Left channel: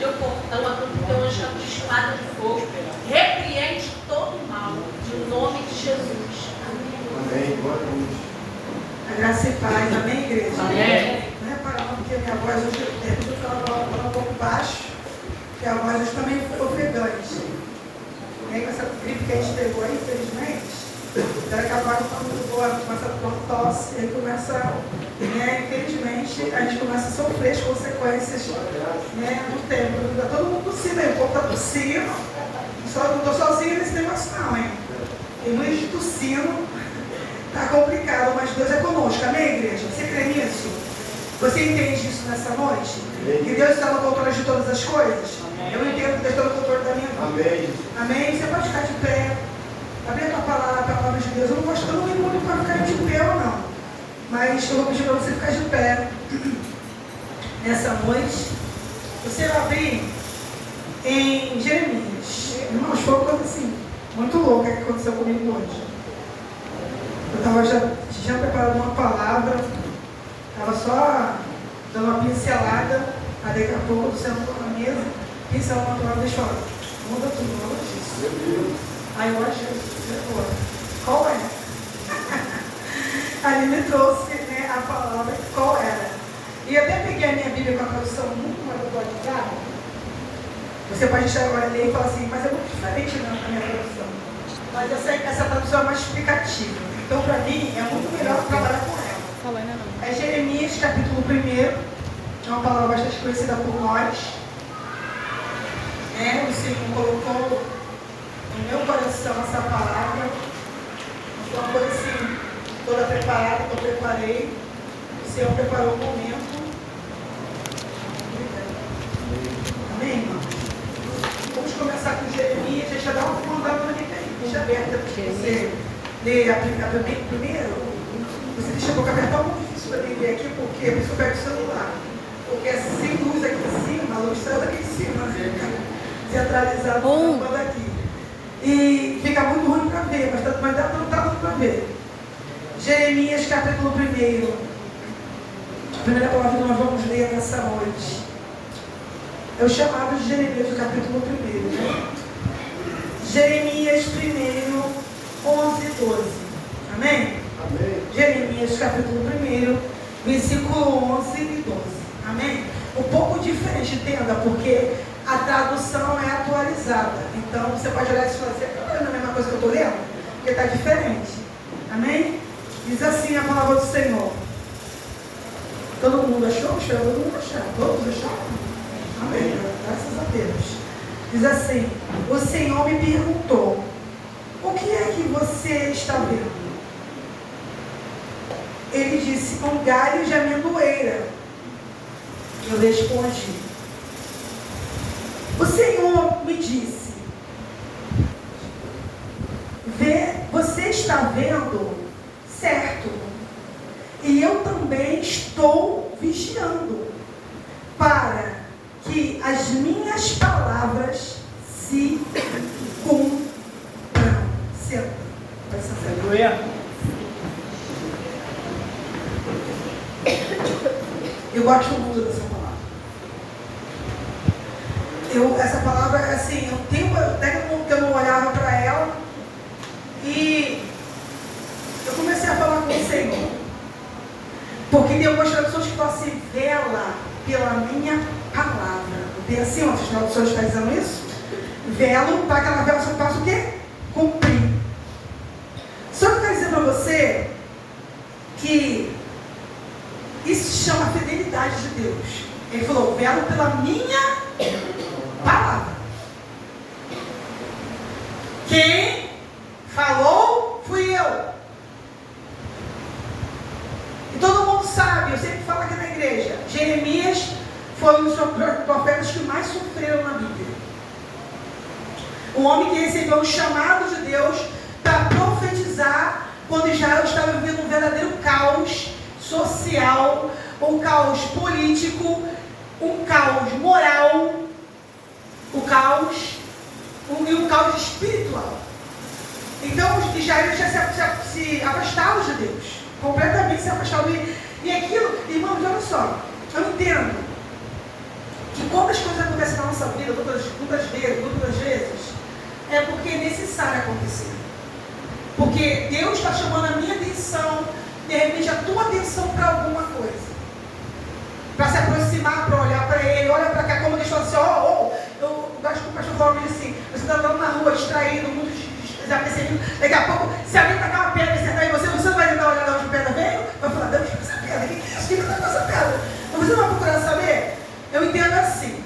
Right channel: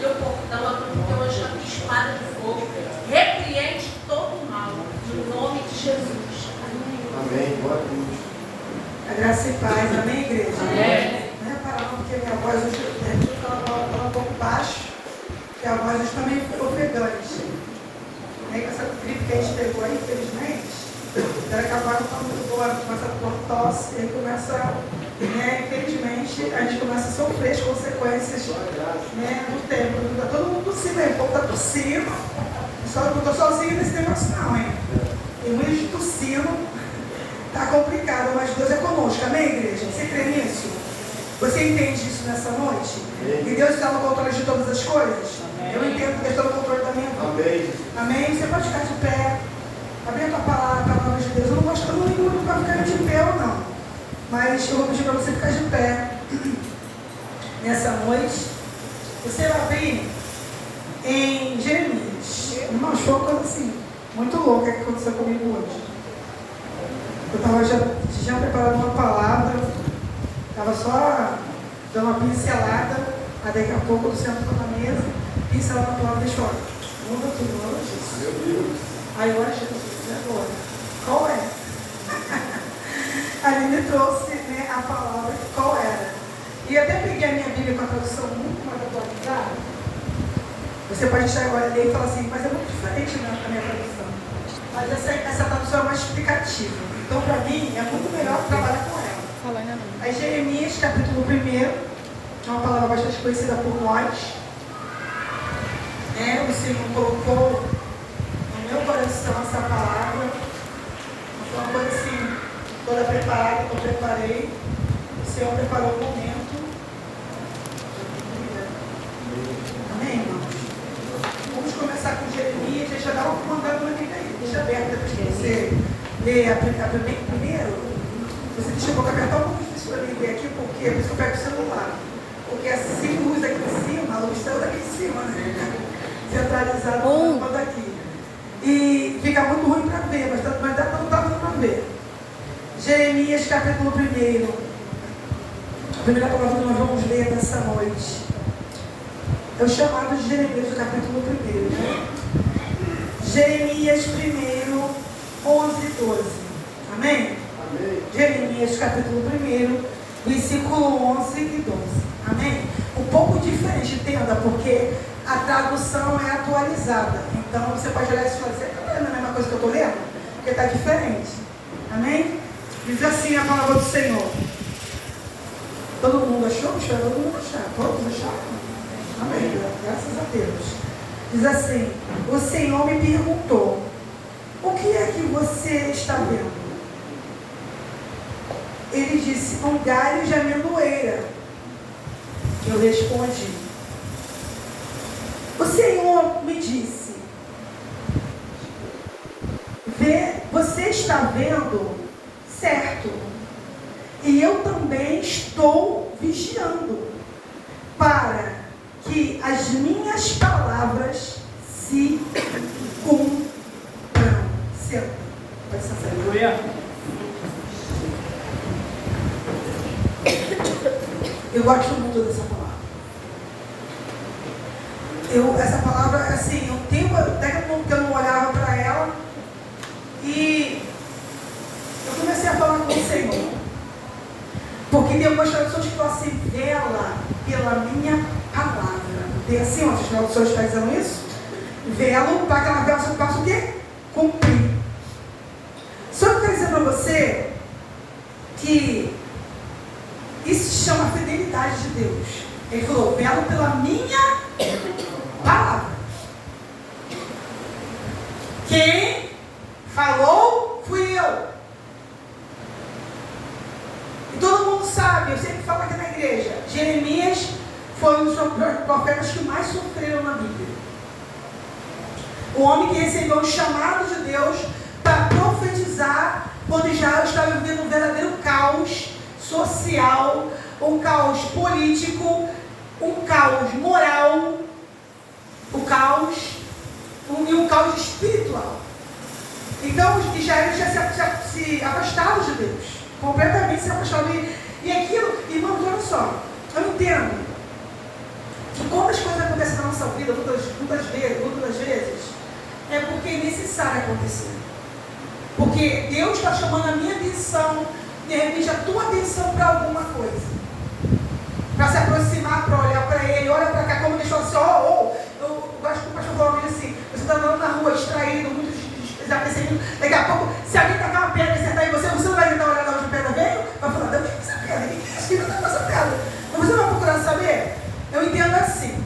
teu portão, do teu anjo com espada de fogo. Repreende todo o mal, no nome de Jesus. Amém. Boa noite. A graça e paz. Amém, igreja? Amém. Não é para não, porque a minha voz hoje eu falo um pouco baixo, que a voz hoje também ficou ofegante. E aí, com essa gripe que a gente pegou aí, infelizmente, ela acabaram começa a tosse, ele começa, né, infelizmente, a gente começa a sofrer as consequências, né, do tempo. Está todo mundo tossindo aí, o povo está tossindo. Só não estou sozinha nesse negócio não, hein? Tem muita gente tossindo, está complicado, mas Deus é conosco. Amém, igreja? Você crê nisso? Você entende isso nessa noite? Que Deus está no controle de todas as coisas? Eu entendo que Deus está no controle da minha vida. Amém. Amém? Você pode ficar de pé. Abrir a tua palavra, a palavra de Deus. Eu não me mudo para ficar de pé ou não. Mas eu vou pedir para você ficar de pé nessa noite. Você vai abrir em Jeremias. Irmãos, foi uma coisa assim, muito louca que aconteceu comigo hoje. Eu estava já preparando uma palavra, estava só dando uma pincelada, aí daqui a pouco eu sento na mesa, pincelando a palavra, deixa eu falar. Muda tudo, não é isso. Aí eu acho que agora. Qual é? Aí me trouxe, né, a palavra, qual era? E até peguei a minha Bíblia com a tradução muito mais atualizada. Você pode estar agora ler e falar assim, mas é muito diferente da minha tradução. Mas essa tradução é mais explicativa. Então, para mim, é muito melhor trabalhar com ela. Fala ainda não. Aí, Jeremias, capítulo 1, é uma palavra bastante conhecida por nós. O Senhor colocou no meu coração essa palavra. Foi uma coisa assim, toda preparada, eu preparei. O Senhor preparou o momento. Amém, irmãos? Vamos começar com Jeremias. Deixa eu dar uma comandada na minha aí. Deixa aberta para você ler primeiro. Você deixa um pouco apertar, muito difícil para mim ler aqui, porque por isso eu pego o celular. Porque sem luz aqui em cima, a luz saiu daqui em cima, né? Centralizado no daqui. E fica muito ruim para ver, mas não está dando para ver. Jeremias, capítulo 1. A primeira palavra que nós vamos ler nessa noite é o chamado de Jeremias, o capítulo 1, né? Jeremias 1, 11 e 12. Amém? Amém. Jeremias, capítulo 1, versículo 11 e 12. Amém? Um pouco diferente, entenda, porque a tradução é atualizada. Então, você pode olhar isso e falar assim, não é a mesma coisa que eu estou lendo? Porque está diferente. Amém? Diz assim a palavra do Senhor. Todo mundo achou? Todo mundo achou. Todos acharam? Amém? Graças a Deus. Diz assim, o Senhor me perguntou, o que é que você está vendo? Ele disse, um galho de amendoeira. Eu respondi, o Senhor me disse, você está vendo certo, e eu também estou vigiando, para que as minhas palavras se cumpram. Senta. Vai ser sério. Eu gosto muito dessa palavra. Essa palavra, assim, eu tenho até que eu não olhava para ela e eu comecei a falar com o Senhor. Porque tem algumas traduções que falam assim, vela pela minha palavra. Tem assim, ó, as traduções estão dizendo isso? Velo para que ela possa o quê? Cumprir. Só que eu quero dizer para você que isso se chama fidelidade de Deus. Ele falou, velo pela minha palavra. Quem falou fui eu. E todo mundo sabe, eu sempre falo aqui na igreja, Jeremias foi um dos profetas que mais sofreram na Bíblia. O homem que recebeu um chamado de Deus para profetizar quando Israel estava vivendo um verdadeiro caos social, um caos político, um caos moral, um caos espiritual. Então, Israel tinha se afastado de Deus, completamente se afastado. E aquilo, irmãos, olha só, eu entendo que quando as coisas acontece na nossa vida, muitas vezes, é porque é necessário acontecer. Porque Deus está chamando a minha atenção, de repente a tua atenção para alguma coisa. Para se aproximar, para olhar para Ele, olha para cá, como deixou assim, eu acho que o pastor Paulo diz assim, você está andando na rua, distraído, muito desapercebido, daqui a pouco, se alguém tacar uma pedra e sentar em você, você não vai tentar olhar de onde a pedra veio? Vai falar, Deus, essa pedra, que está com essa pedra? Mas você não vai procurar saber? Eu entendo assim,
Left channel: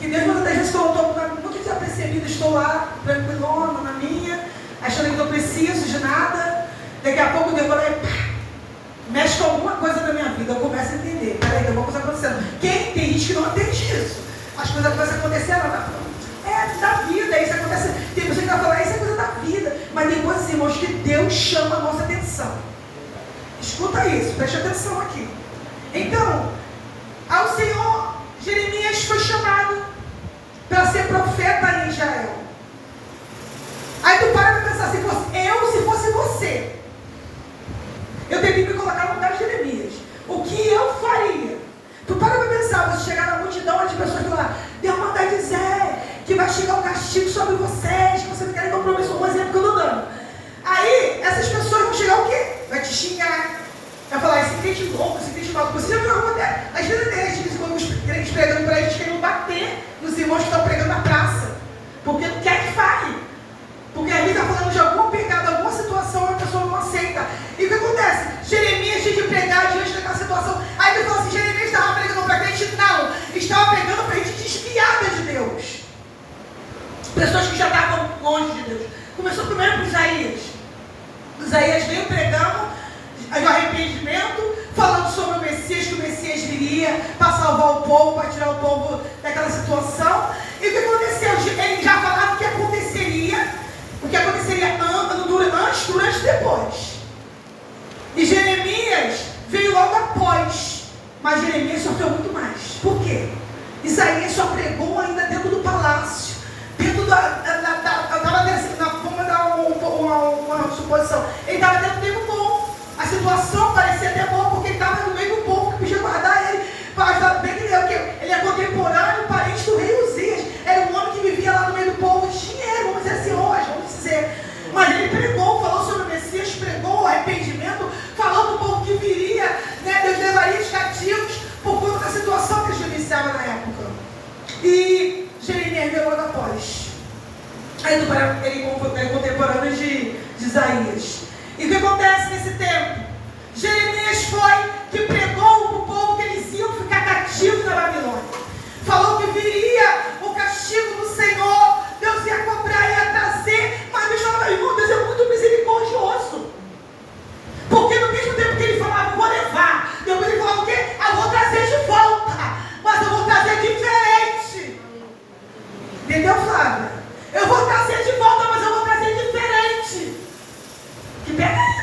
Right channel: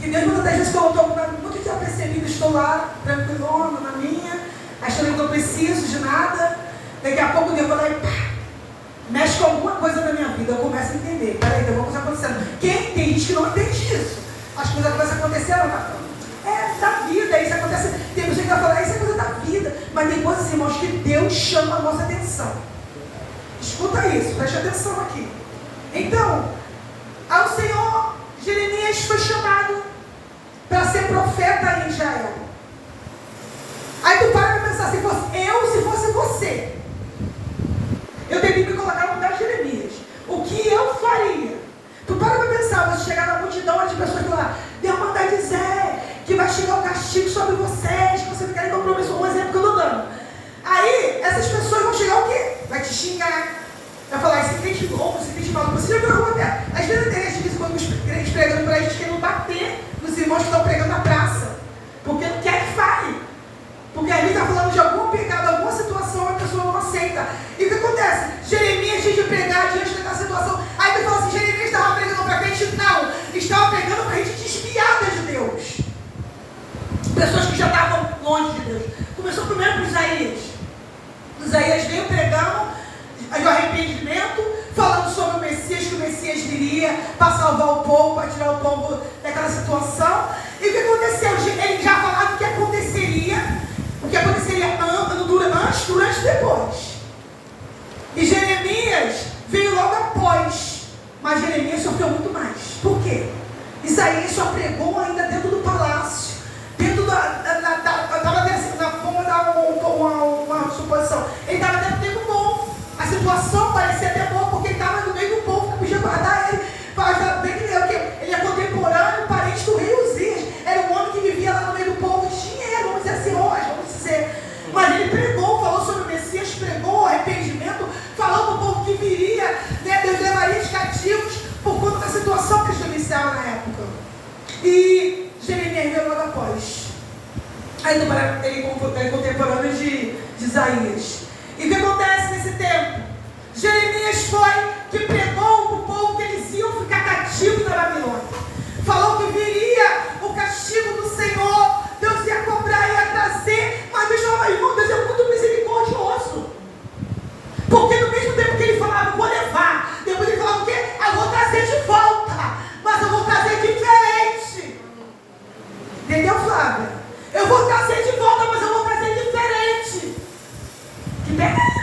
que Deus muitas vezes estou muito desapercebido, estou lá, tranquilona, na minha, achando que não preciso de nada, daqui a pouco Deus vai lá e pá, mexe com alguma coisa na minha vida, eu começo a entender, peraí, tem alguma coisa acontecendo. Quem tem gente que não entende isso? As coisas começam a acontecer, da vida, isso acontece, tem pessoa que vai falar, isso é coisa da vida, mas tem coisas, irmãos, que Deus chama a nossa atenção. Escuta isso, preste atenção aqui. Então, ao Senhor, Jeremias foi chamado para ser profeta em Israel. Aí tu para para pensar, se fosse você, eu teria que me colocar no lugar de Jeremias. O que eu faria? Tu para para pensar, você chegar na multidão, as pessoas vão falar, Deus manda dizer que vai chegar o castigo sobre vocês, que você não quer compromisso, um exemplo que eu estou dando. Aí, essas pessoas vão chegar o quê? Vai te xingar, vai falar, esse crente louco, esse crente maluco. Você já viu alguma coisa? Às vezes tem gente, quando os crentes pregando para a gente, querendo bater nos irmãos que estão pregando na praça, porque não quer que fale. Porque a gente está falando de algum pecado, alguma situação, a pessoa não aceita. E o que acontece? Jeremias tinha de pregar diante daquela situação. Aí ele fala assim, Jeremias estava pregando para a gente? Não, estava pregando para a gente desviada de Deus. Pessoas que já estavam longe de Deus. Começou primeiro com Isaías. Isaías veio pregando de arrependimento, falando sobre o Messias, que o Messias viria para salvar o povo, para tirar o povo daquela situação. E o que aconteceu? Ele já falava o que aconteceria antes, durante e depois. E Jeremias veio logo após. Mas Jeremias sofreu muito mais. Por quê? Isaías só pregou ainda dentro do palácio. Dentro vamos dar uma suposição. Ele estava dentro do meio do povo. A situação parecia até boa, porque ele estava no meio do povo que podia guardar ele. Ele é contemporâneo, parente do rei Uzias. Era um homem que vivia lá no meio do povo. Dinheiro, vamos dizer assim, vamos dizer. Mas ele pregou, falou sobre o Messias, pregou o arrependimento, falou para o povo que viria, Deus levaria os cativos por conta da situação que eles vivenciavam na época. E Jeremias veio logo após. Aí ele é contemporâneo de Isaías. E o que acontece nesse tempo? Jeremias foi que pregou para o povo que eles iam ficar cativos na Babilônia. Falou que viria o castigo do Senhor, Deus ia cobrar, ia trazer, mas Deus falava, irmão, Deus é muito misericordioso. Porque no mesmo tempo que ele falava, vou levar, depois ele falava o quê? Eu vou trazer de volta, mas eu vou trazer diferente. Entendeu, Flávia? Eu vou trazer de volta, mas eu vou trazer diferente. Que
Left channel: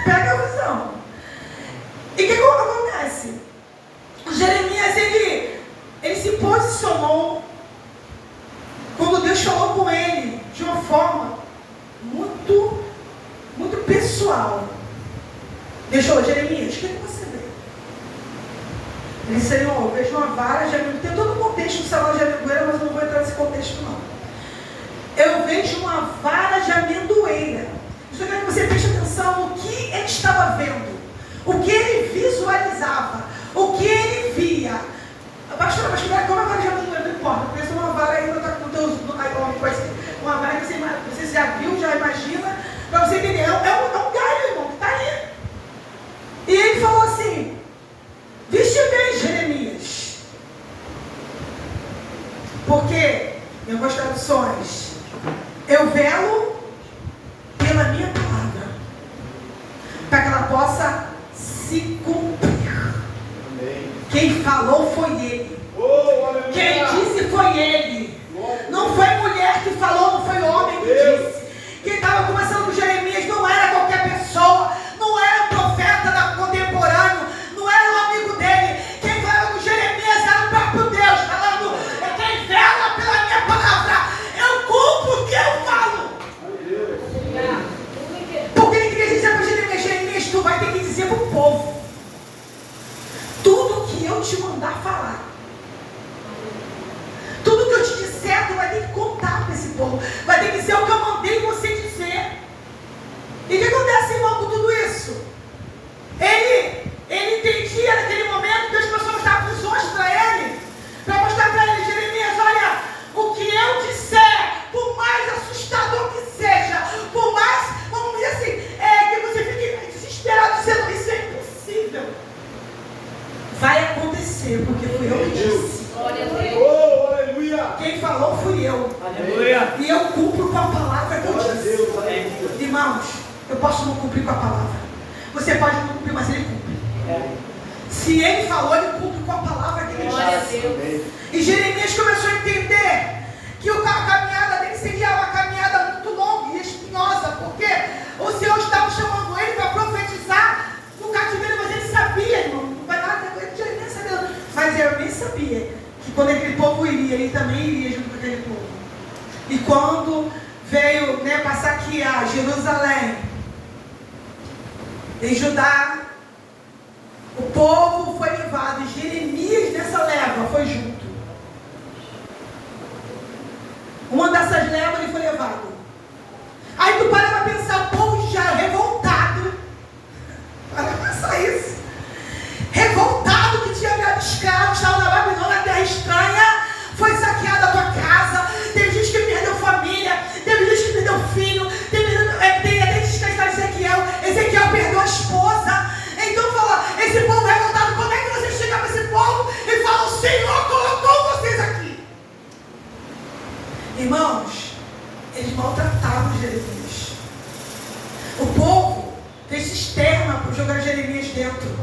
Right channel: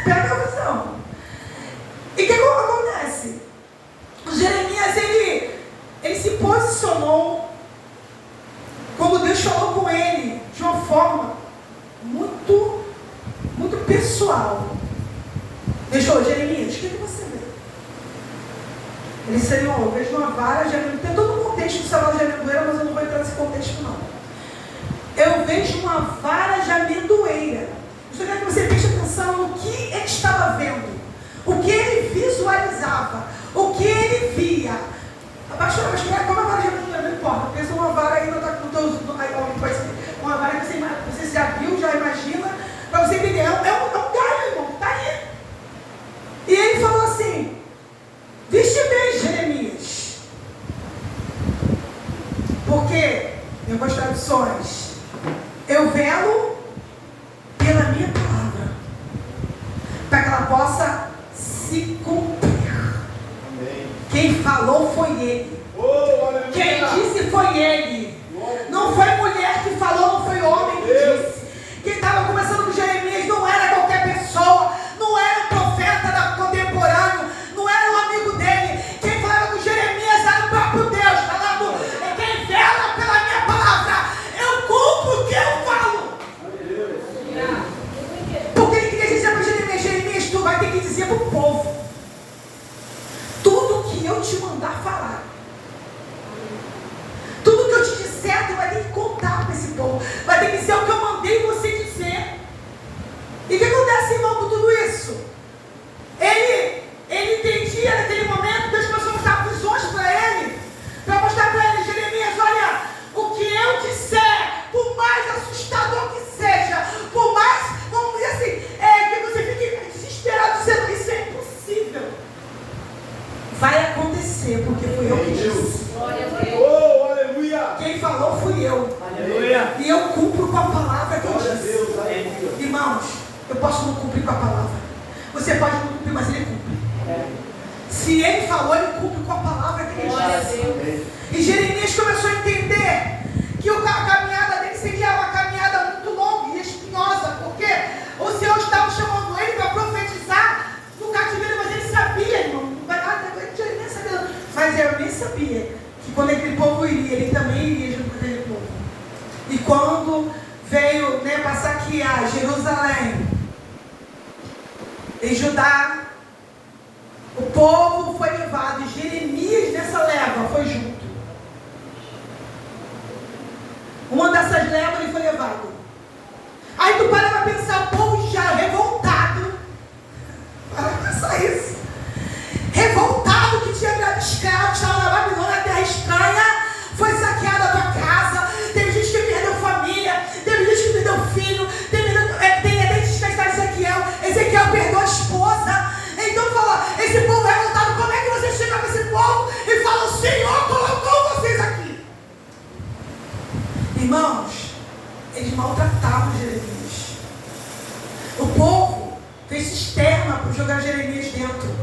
pega a visão. E o que acontece? Jeremias, ele se posicionou quando Deus falou com ele de uma forma muito, muito pessoal. Deixou, Jeremias, o que você vê? Ele disse, Senhor, eu vejo uma vara de amendoeira. Tem todo o contexto do salão de amendoeira, mas eu não vou entrar nesse contexto não. Eu vejo uma vara de amendoeira. Estou querendo que você preste atenção no que ele estava vendo, o que ele visualizava, o que ele via. Pastor, mas como a vara de amendoeira? Não importa, pensa uma vara aí no teu uma vara que você já viu, já imagina, para você entender. É um galho, irmão, que está aí. E ele falou assim, viste bem, Jeremias, porque, em algumas traduções, eu velo pela minha palavra, para que ela possa se cumprir. Amém. Quem falou foi ele. Quem disse foi ele. Não foi mulher que falou, não foi homem que disse. Quem estava conversando com Jeremias não era qualquer pessoa, não era um profeta contemporâneo, não era um amigo dele. Quem falava com Jeremias era o próprio Deus, falando, quem vela pela minha palavra, eu cumpro o que eu falo. Porque ele queria dizer para Jeremias, Jeremias, tu vai ter que dizer para o povo tudo que eu te mandar falar. povo. Vai ter que dizer o que eu mandei você dizer. E o que acontece, irmão, com tudo isso? Ele entendia naquele momento, Deus começou a mostrar visões para ele, Jeremias, olha, o que eu disser, por mais assustador que seja, por mais, vamos dizer assim, que você fique desesperado dizendo, isso é impossível. Vai acontecer, porque fui eu que disse. Glória a Deus. Oh, aleluia. Quem falou fui eu. Aleluia. E eu cumpro com a palavra que eu Glória a disse. Deus, aleluia. Irmãos, eu posso não cumprir com a palavra. Você pode não cumprir, mas ele cumpre. Se ele falou, ele cumpre com a palavra que ele Glória a disse. Deus. E Jeremias começou a entender que a caminhada dele seria uma caminhada muito longa e espinhosa, porque o Senhor estava chamando ele para profetizar no cativeiro, mas ele sabia, irmão, não vai nada, Jeremias sabia, mas Jeremias sabia que quando aquele povo iria, ele também iria junto com aquele povo. E quando veio para saquear Jerusalém e Judá, o povo foi levado, e Jeremias nessa leva foi junto. Uma dessas levas ele foi levado. Aí tu para pra pensar, o povo já revoltado. Para pensar isso. Revoltado que tinha virado escravo, estava na Babilônia, na terra estranha, foi saqueada a tua casa, teve gente que perdeu família, teve gente que perdeu filho, tem até descansado Ezequiel perdeu a esposa. Então fala, esse povo revoltado, como é que você chega para esse povo e fala, o Senhor colocou vocês aqui? Irmãos, eles maltratavam Jeremias. O povo fez cisterna para jogar Jeremias dentro.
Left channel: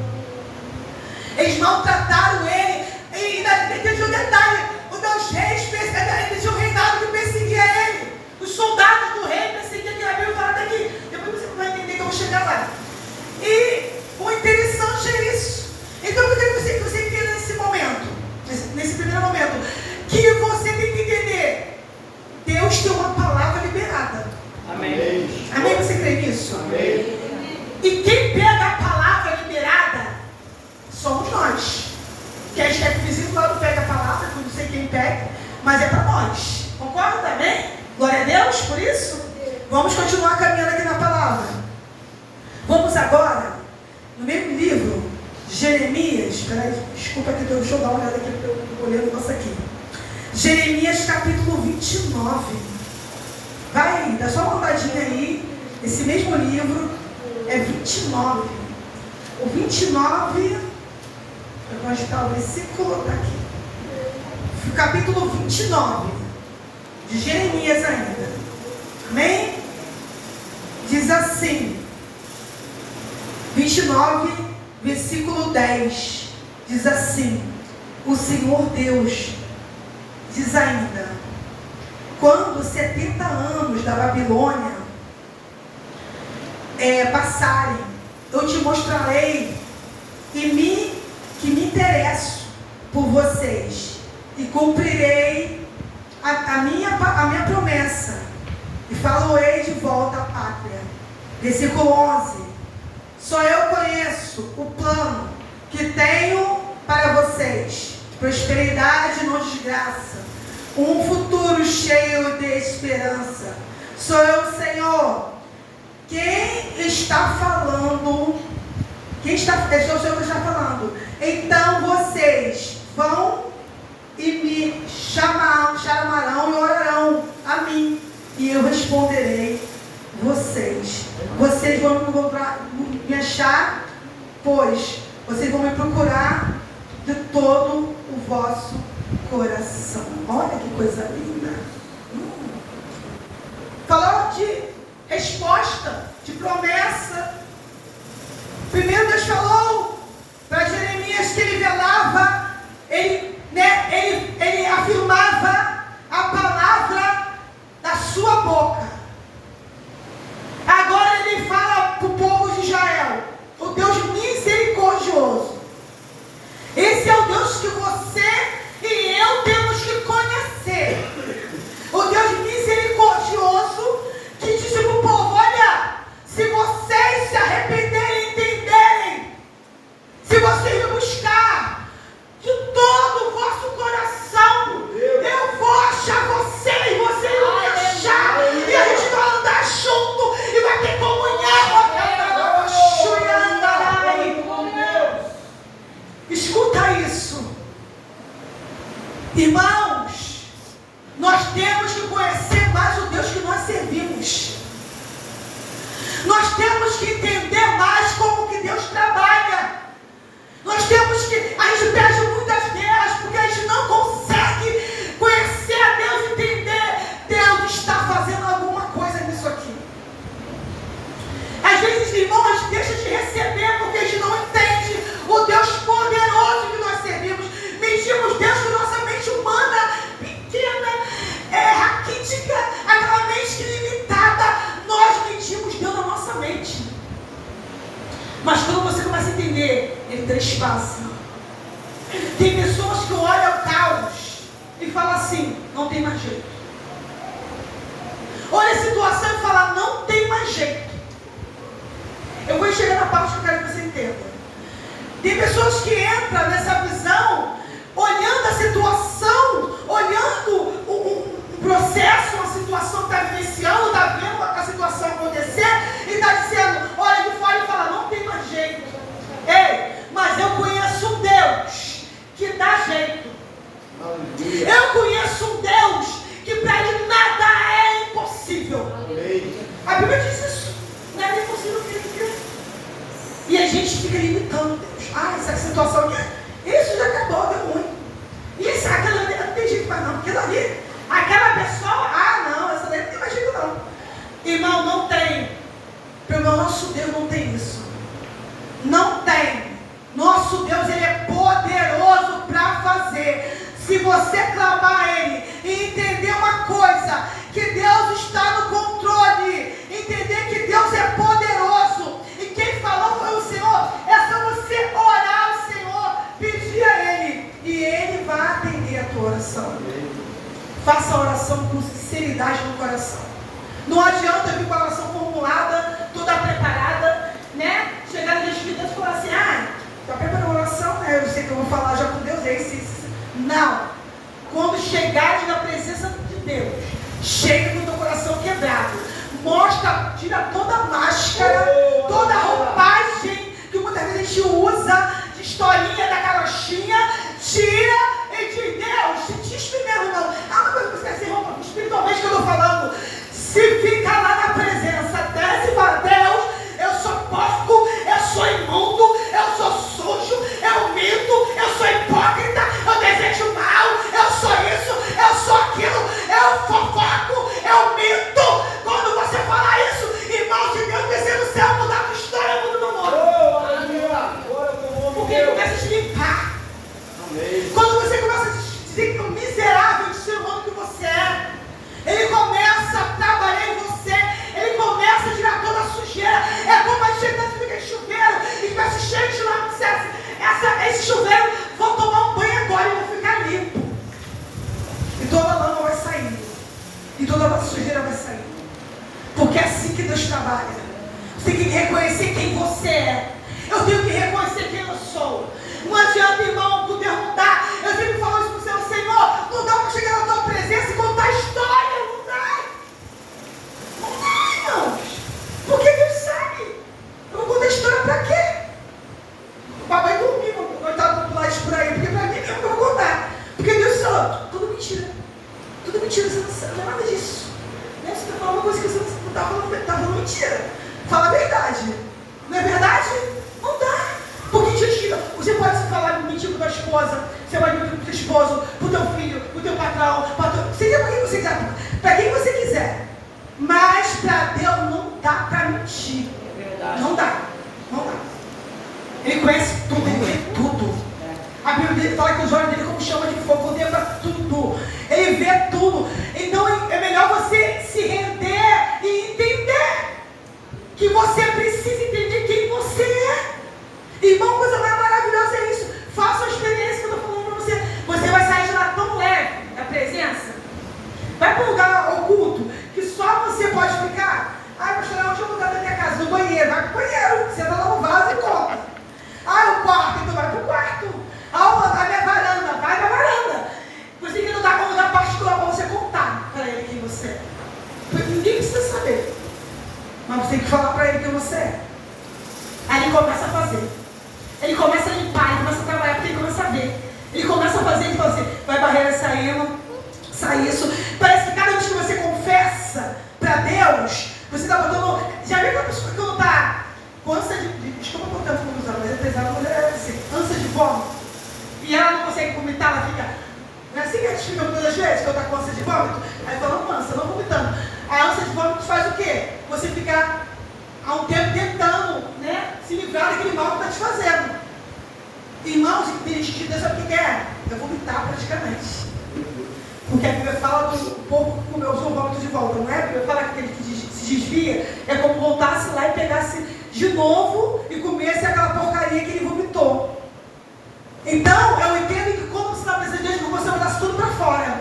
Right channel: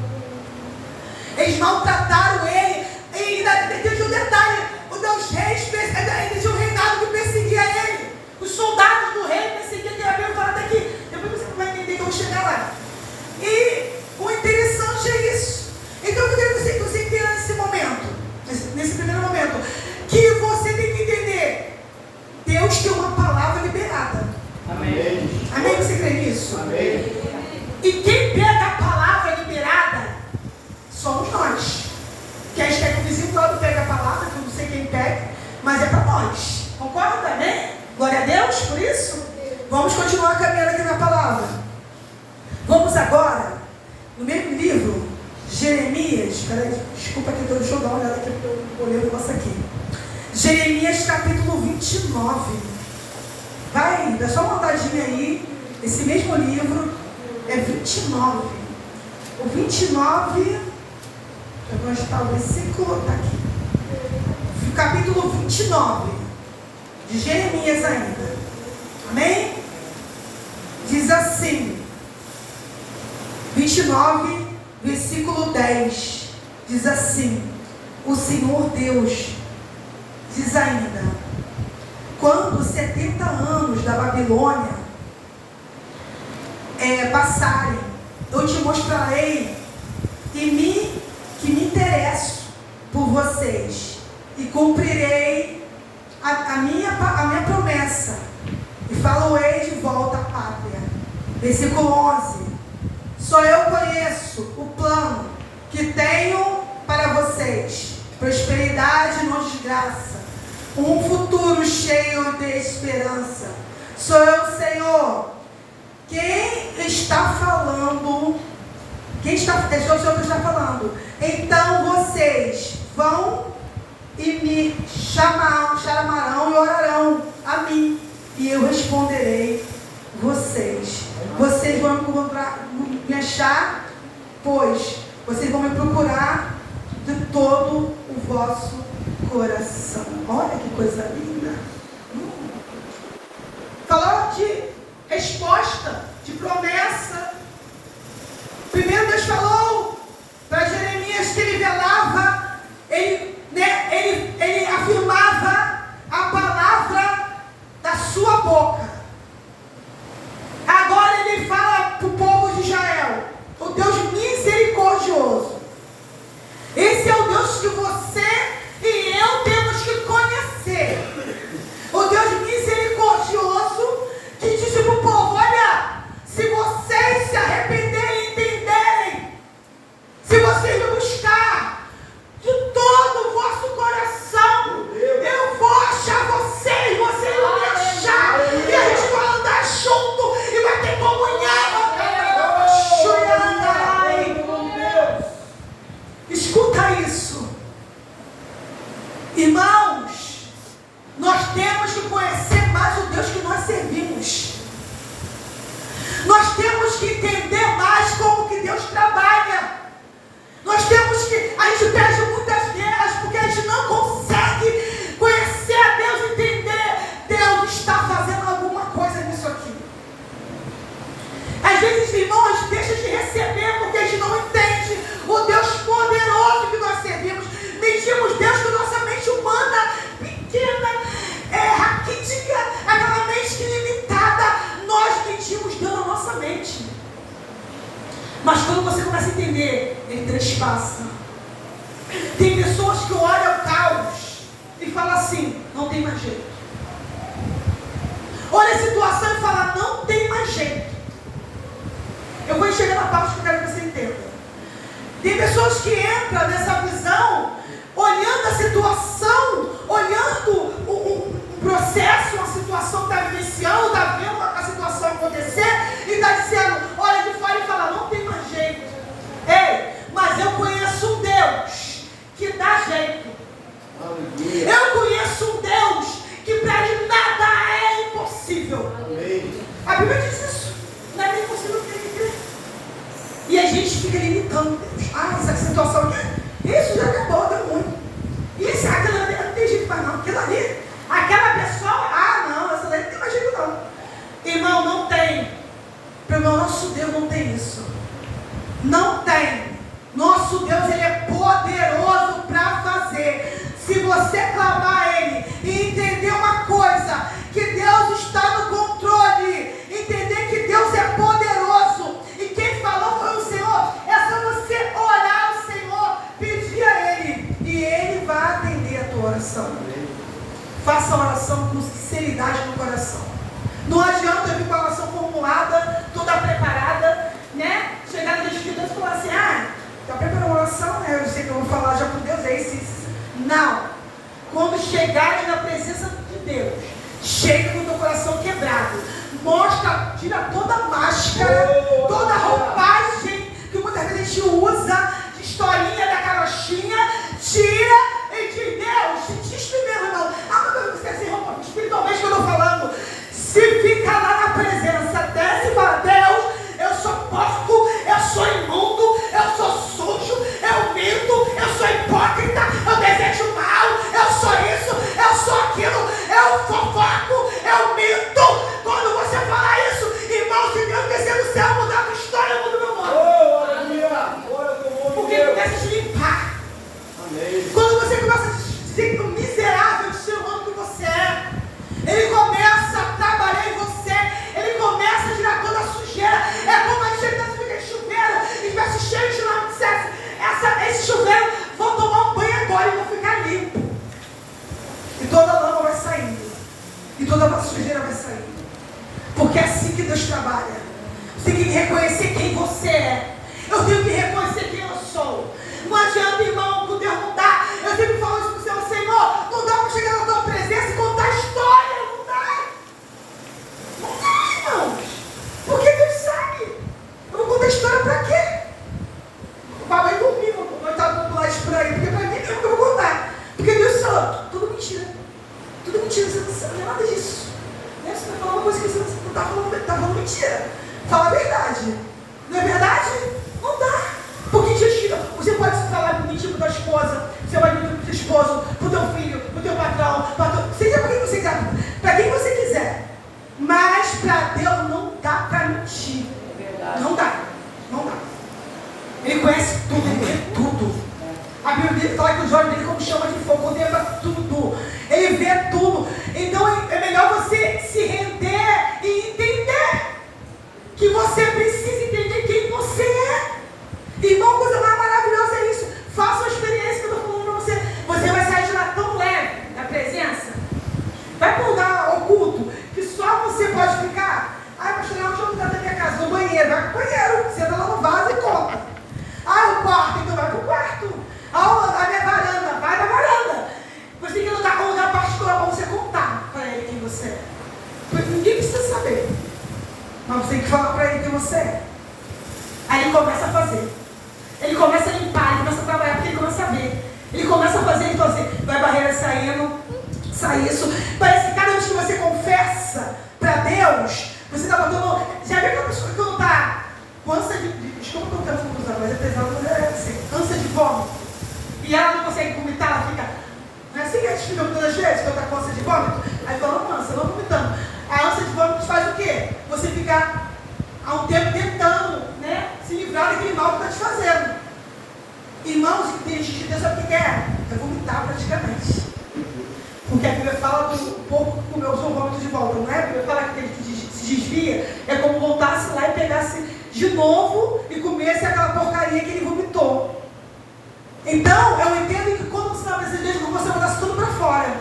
Eles maltrataram ele. E ainda tem um detalhe: os reis, tinha um reinado que perseguia ele. Os soldados do rei perseguiam ele. Eu falo até que depois você vai entender que eu vou chegar lá. E o interessante é isso. Então eu queria que você entenda nesse momento, nesse primeiro momento, que você tem que entender: Deus tem uma palavra liberada. Amém. Amém? Você crê nisso? Amém. E quem pega a palavra liberada somos nós. Que a gente quer que o vizinho do lado pegue a palavra, que eu não sei quem pega, mas é para nós. Concorda? Amém? Glória a Deus por isso? Vamos continuar caminhando aqui na palavra. Vamos agora, no mesmo livro, Jeremias. Peraí, desculpa aqui, deixa eu dar uma olhada aqui, porque eu olhei o negócio aqui. Jeremias capítulo 29. Vai aí, dá só uma andadinha aí. Esse mesmo livro é 29. O 29, onde está o versículo? Está aqui. O capítulo 29 de Jeremias ainda. Amém? Diz assim, 29, versículo 10. Diz assim: o Senhor Deus diz ainda: quando 70 anos da Babilônia passarem, eu te mostrarei que me interesso por vocês e cumprirei a minha promessa e faloei de volta à pátria. Versículo 11: só eu conheço o plano que tenho para vocês, prosperidade e não desgraça, um futuro cheio de esperança. Sou eu, Senhor. Quem está falando? É o Senhor que está falando. Então vocês vão e me chamarão e orarão a mim, e eu responderei vocês. Vocês vão me achar, pois vocês vão me procurar de todo o vosso coração. Olha que coisa linda. Falou de resposta, de promessa. Primeiro Deus falou para Jeremias que ele velava, ele afirmava a palavra da sua boca. Agora ele fala para o povo de Israel, o Deus misericordioso. Esse é o Deus que você e eu temos que conhecer. que entender mais como que Deus trabalha. Nós temos que, a gente perde muitas guerras porque a gente não consegue conhecer a Deus e entender Deus está fazendo alguma coisa nisso aqui. Às vezes, irmãos, deixa de receber porque a gente não entende o Deus poderoso que nós servimos. Medimos Deus com nossa mente humana, pequena, raquítica, aquela mente limitada. Nós medimos Deus na nossa mente. Mas quando você começa a entender, Ele trespassa. Tem pessoas que olham o caos e falam assim, não tem mais jeito. Olha a situação e fala, não tem mais jeito. Eu vou chegar na parte que eu quero que você entenda. Tem pessoas que entram nessa visão, olhando a situação, olhando um processo, uma situação que está vivenciando, está vendo a situação acontecer, e está dizendo, olha de fora e fala, não tem mais jeito. Ei, mas eu conheço um Deus que dá jeito. Aleluia. Eu conheço um Deus que para ele nada é impossível. Amém. A Bíblia diz isso. Nada é impossível para ele crer. E a gente fica limitando Deus. Essa situação aqui, isso já acabou, deu ruim. E aquela ali não tem jeito mais não. Aquilo ali, aquela pessoa, não, essa daí não tem mais jeito não. Irmão, não tem. Pelo nosso Deus não tem isso. Não tem. Nosso Deus, Ele é poderoso para fazer. Se você clamar a Ele e entender uma coisa, que Deus está no controle, entender que Deus é poderoso, e quem falou foi o Senhor, é só você orar ao Senhor, pedir a Ele, e Ele vai atender a tua oração. Faça a oração com sinceridade no coração. Não adianta eu vir com a oração formulada, toda preparada, né? Chegar no Espírito e falar assim, está preparando a oração, né? Eu sei que eu vou falar já com Deus, é isso. Não. Quando chegares na presença de Deus, chega com o teu coração quebrado. Mostra, tira toda a máscara, toda a roupagem que muitas vezes a gente usa, de historinha da carochinha, tira e diz, Deus, se te primeiro não. Mas você quer ser roupa espiritualmente que eu estou falando. Se fica lá na presença, desce e fala, Deus, eu sou porco, eu sou imundo, eu sou sujo, eu minto, eu sou hipócrita, eu desejo mal, eu sou isso, eu sou aquilo, eu fofoco, eu minto. Quando você falar isso, irmão, se Deus descer do céu, mudar a tua história, muda no mundo. Porque Ele começa a te limpar. Amém. Quando você começa a ser miserável de ser humano que você é, Ele começa a trabalhar em você, Ele começa a tirar toda a sujeira. É como a gente dentro daquele chuveiro e vai se cheio de lama, esse chuveiro, vou tomar um banho agora e vou ficar limpo. E toda a lama vai sair, e toda a sujeira vai sair. Porque é assim que Deus trabalha. Você tem que reconhecer quem você é. Eu tenho que reconhecer quem eu sou. Não adianta, irmão, poder mudar. Eu sempre falo isso para o Senhor, Senhor, não dá para chegar na tua presença e contar a história. Não dá. Não dá, irmãos. Porque Deus sabe. Eu vou contar a história para quê? O papai dormiu, coitado do pular isso por aí, porque para mim mesmo que eu vou contar. Porque Deus sabe, tudo mentira. Tudo mentira, você não sabe nada disso. Né? Você está falando uma coisa que você não está falando mentira. Fala a verdade. Não é verdade? Não dá. Porque mentira. Você pode falar mentira para tua esposa, você pode mentir para o teu esposo, para o teu filho, para o teu patrão, você quer para quem você quiser, para quem você quiser. Mas para Deus não dá para mentir. É verdade. Não dá. Não dá. Ele conhece tudo, ele vê tudo. A Bíblia fala que os olhos dele como chama de fogo, contempla tudo. Ele vê tudo. Então é melhor você se render e entender que você precisa entender quem você é. Irmão, coisa mais maravilhosa é isso. Faça a experiência que eu estou falando para você. Você vai sair de lá tão leve da presença. Vai para um lugar oculto que só você pode ficar. Pastor, onde eu vou lugar da minha casa? No banheiro. Vai para o banheiro. Senta lá no vaso e conta. O quarto. Então vai para o quarto. A minha varanda. Vai para a varanda. Você tem que lutar com um lugar particular para você contar para ele quem você é. Ninguém precisa saber. Mas você tem que falar para ele quem você é. Aí ele começa a fazer. Ele começa a limpar, ele começa a trabalhar, porque ele começa a ver. Ele começa a fazer, ele fala assim, vai barreira saindo, sai isso. Parece que cada vez que você confessa para Deus, você está botando... Já viu aquela pessoa que quando está pesada, mas é assim, ânsia de vômito. E ela não consegue vomitar, ela fica. Não é assim que a gente fica todas as vezes, quando está com ânsia de vômito? Aí fala, não ânsia, não vomitando. A ânsia de vômito faz o quê? Você fica há um tempo tentando, né, se livrar daquele mal que está te fazendo. Irmãos, tem gente que sabe o que quer? É vomitar praticamente. Porque a Bíblia fala do pouco que comeu o seu vômito de volta, não é? A Bíblia fala que aquele que se desvia é como voltasse lá e pegasse de novo e comesse aquela porcaria que ele vomitou. Então, eu entendo que quando você está na presença de Deus, você botasse tudo para fora.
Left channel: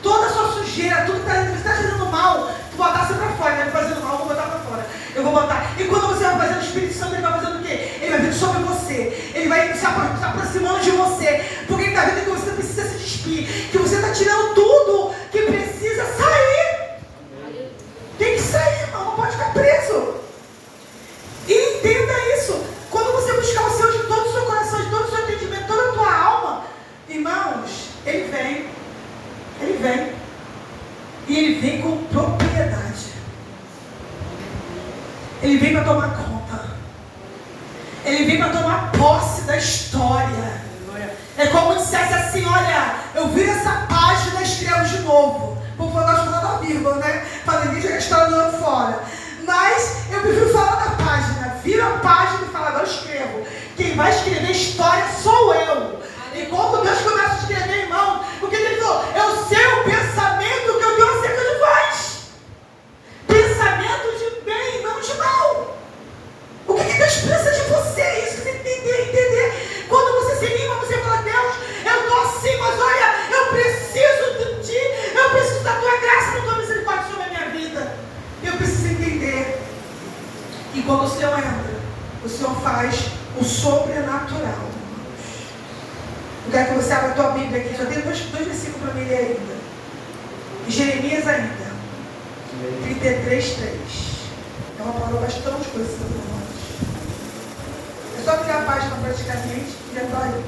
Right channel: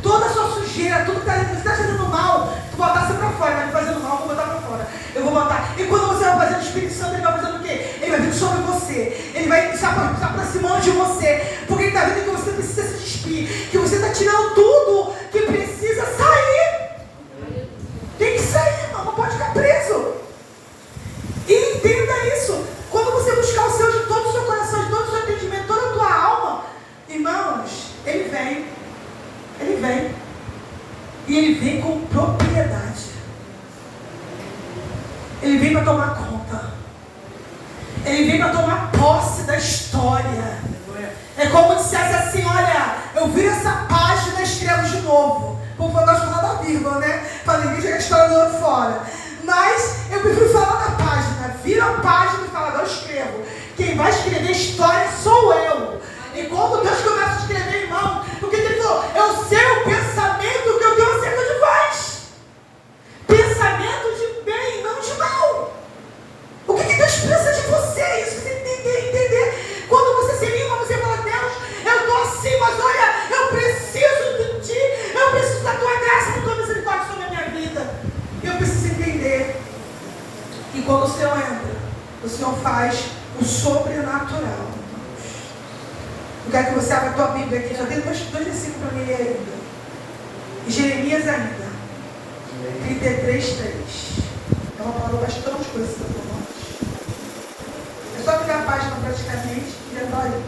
Toda a sua sujeira, tudo que está fazendo mal, tu botasse para fora. Vai me fazendo mal, eu vou botar para fora. Eu vou botar. E quando você vai fazer o Espírito Santo, ele vai fazendo o quê? Ele vai vir sobre você. Ele vai se aproximando de você. Porque ele está vendo que você precisa se despir. Que você está tirando tudo que precisa sair. Tem que sair, irmão. Não pode ficar preso. E entenda isso. Quando você buscar o Senhor de todo o seu coração, de todo o seu entendimento, toda a tua alma, irmãos, Ele vem. Ele vem. E Ele vem com propriedade. Ele vem para tomar conta. Ele vem para tomar posse da história. É como dissesse assim, olha, eu viro essa página e escrevo de novo. Por favor, nós falamos da vírgula, né? Para ninguém jogar a história do outro fora. Mas eu prefiro falar da página. Vira a página e fala, não, eu escrevo. Quem vai escrever história sou eu. E quando Deus começa a escrever, irmão, porque Ele falou, eu sei o pensamento que eu tenho acerca de vós. Pensamento de bem, não de mal. O que Deus pensa de você? Isso que você tem que entender. Quando você se anima, você fala, Deus, eu estou assim, mas olha, eu preciso de Ti, eu preciso da Tua graça, da Tua misericórdia sobre a minha vida. Eu preciso entender. E quando o Senhor entra, o Senhor faz o sobrenatural. Eu quero que você abra a tua Bíblia aqui. Já tem dois versículos para mim ler ainda. Jeremias ainda. 33:3. É uma palavra bastante conhecida por nós. É só pegar a página praticamente e já está aí.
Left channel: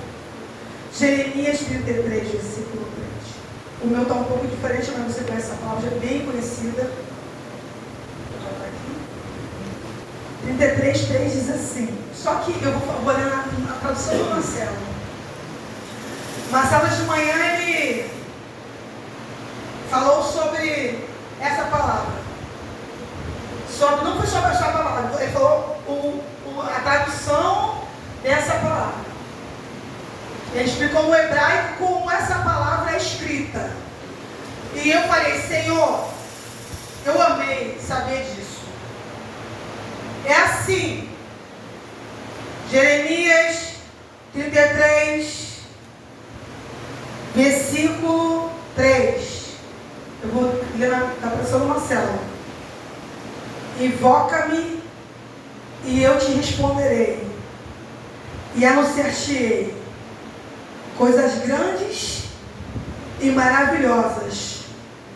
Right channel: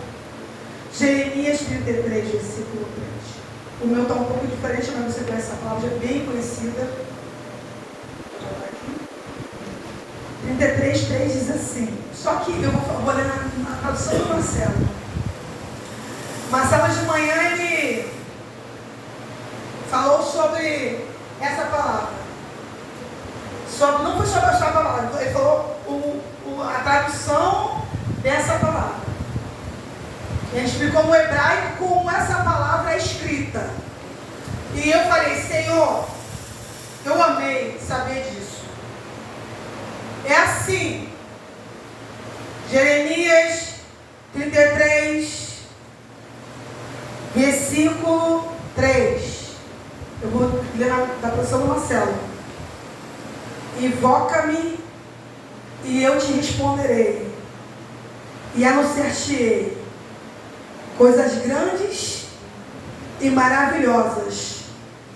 Jeremias 33, versículo 3. O meu está um pouco diferente, mas você conhece essa palavra, já é bem conhecida. 33:3 diz assim. Só que eu vou ler na tradução do Marcelo. Marcelo de manhã ele falou sobre essa palavra. Não foi sobre essa palavra, ele falou a tradução dessa palavra. Ele explicou no hebraico como essa palavra é escrita. E eu falei, Senhor, eu amei saber disso. É assim, Jeremias 33, versículo 3. Eu vou ler da tradução do Marcelo. Invoca-me e eu te responderei, e anunciar-te-ei coisas grandes e maravilhosas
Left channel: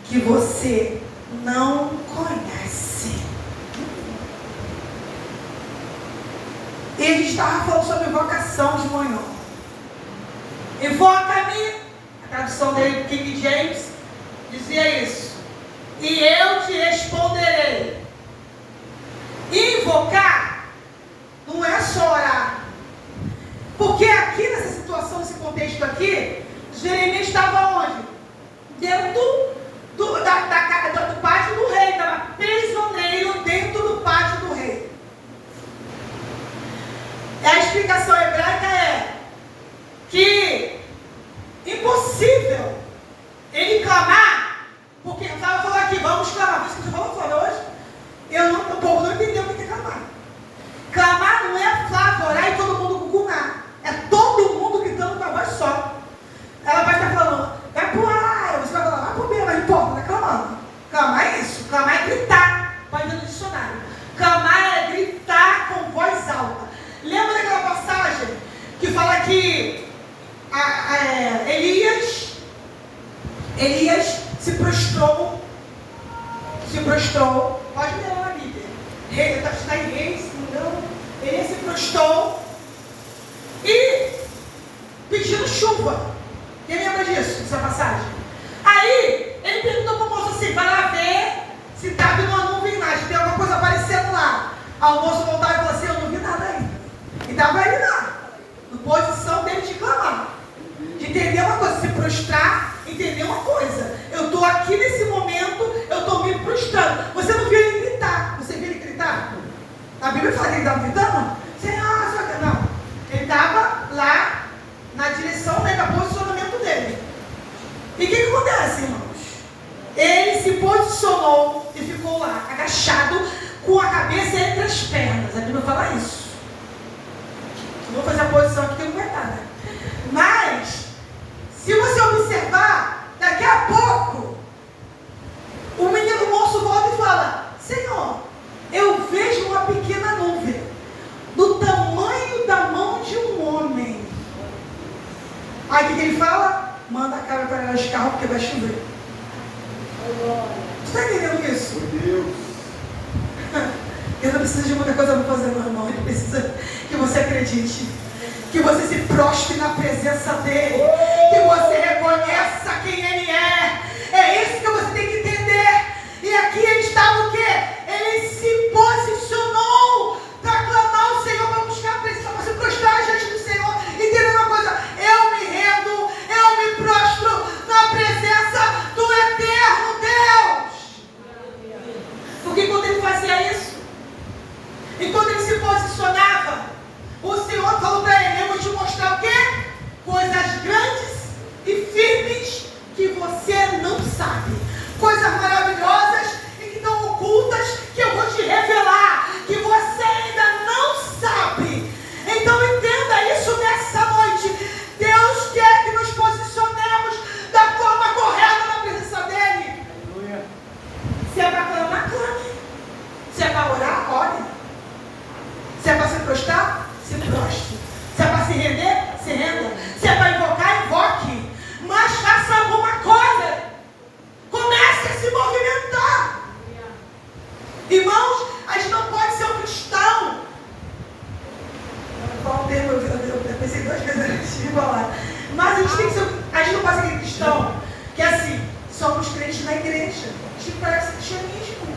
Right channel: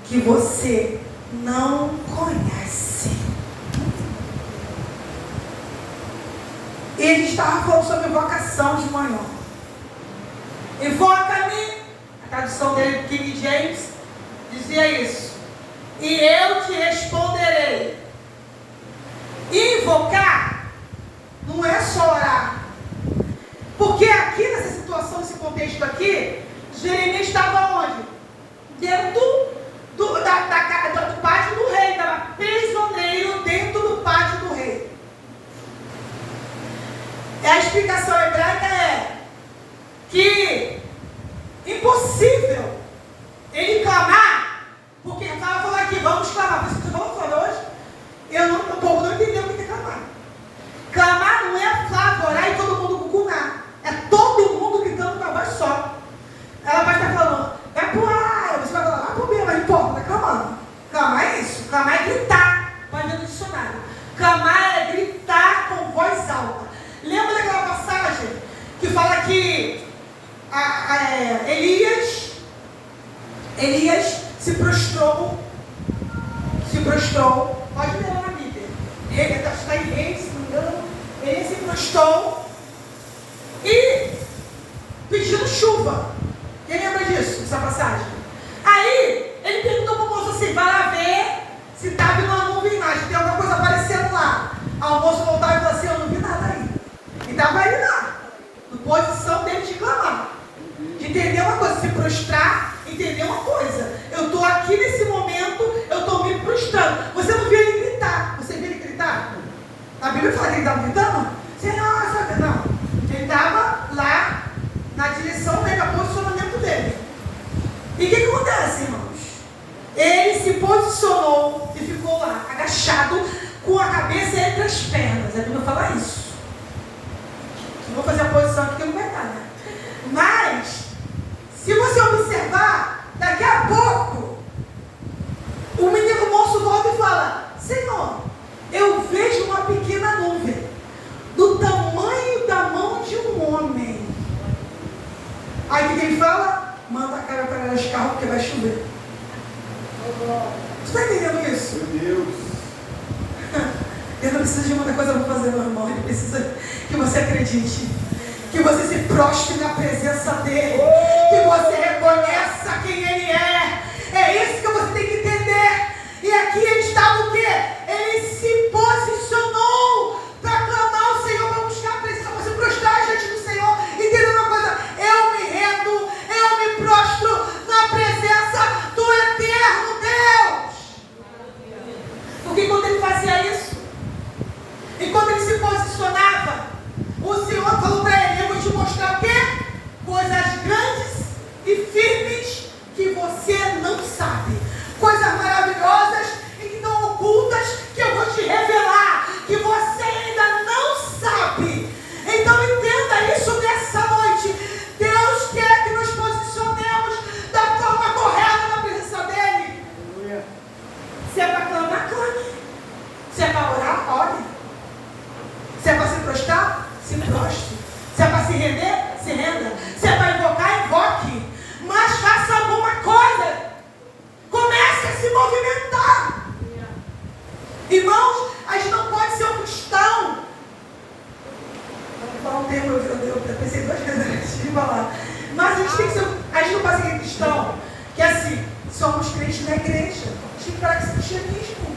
que você não conhece. Ele estava falando sobre invocação de manhã. Invoca-me. A tradução dele, King James, dizia isso. E eu te responderei. Invocar não é só orar. Porque aqui nessa situação, nesse contexto aqui, Jeremias estava onde? Dentro do pátio do rei. Estava prisioneiro dentro do pátio do rei. A explicação hebraica é que impossível ele clamar, porque eu estava falando aqui, vamos clamar, por isso que você falou hoje, o povo não entendeu o que é clamar. Clamar não é Flávio orar e todo mundo cucunar, é todo mundo gritando com a voz só. Ela vai estar falando, vai pro ar, você vai falar, vai pro B, não importa, vai clamando. Clamar é isso, clamar é gritar, pode ir no dicionário. Clamar é gritar com voz alta. Lembra daquela passagem que fala que Elias se prostrou, pode ler na Bíblia, está em Reis, se não me engano, ele se prostrou e pedindo chuva. Quem lembra disso, dessa passagem? Aí, ele perguntou para o moço assim, vai lá ver se está vindo uma nuvem lá, se tem alguma coisa aparecendo lá. Aí o moço voltava e falou assim, eu não vi nada ainda. E estava aí lá. Bíblia fala que ele estava gritando? Senhor, Senhor. Não. Ele estava lá na direção, né, do posicionamento dele. E o que acontece, irmãos? Ele se posicionou e ficou lá, agachado, com a cabeça entre as pernas. A Bíblia fala isso. Não vou fazer a posição aqui que não vai estar, né? Mas, se você observar, daqui a pouco, o menino moço volta e fala: Senhor, eu vejo uma pequena nuvem, do tamanho da mão de um homem. Aí o que ele fala? Manda a cara para os carros porque vai chover. Você está entendendo isso? Meu Deus. Ele não precisa de muita coisa para fazer, meu irmão. Ele precisa que você acredite, que você se prostre na presença dele, que você reconheça quem ele é. É isso que você tem que entender. E aqui ele estava o quê? Ele se posicionou para clamar o Senhor, para buscar a presença, para se prostrar diante do Senhor. Entendeu uma coisa? Eu me rendo, eu me prostro na presença do eterno Deus. Porque quando ele fazia isso, e quando ele se posicionava, o Senhor falou para ele: eu vou te mostrar o quê? Coisas grandes e firmes que você não sabe. Coisas maravilhosas e que estão ocultas, que eu vou te revelar, que você ainda não sabe. Então entenda isso nessa noite. Deus quer que nos posicionemos da forma correta na presença dele. Aleluia. Se é para clamar, clame. Se é para orar, ore. Se é para se prostrar, se prostre. Se é para se render, se renda. Se é para invocar, invoque. Mas faça alguma coisa. Comece a se movimentar. Irmãos, a gente não pode ser um cristão. Qual o termo? Eu pensei duas vezes antes de falar. Mas a gente tem que ser. A gente não pode ser cristão. Que é assim, somos crentes na igreja. A gente tem que parar com esse cristianismo.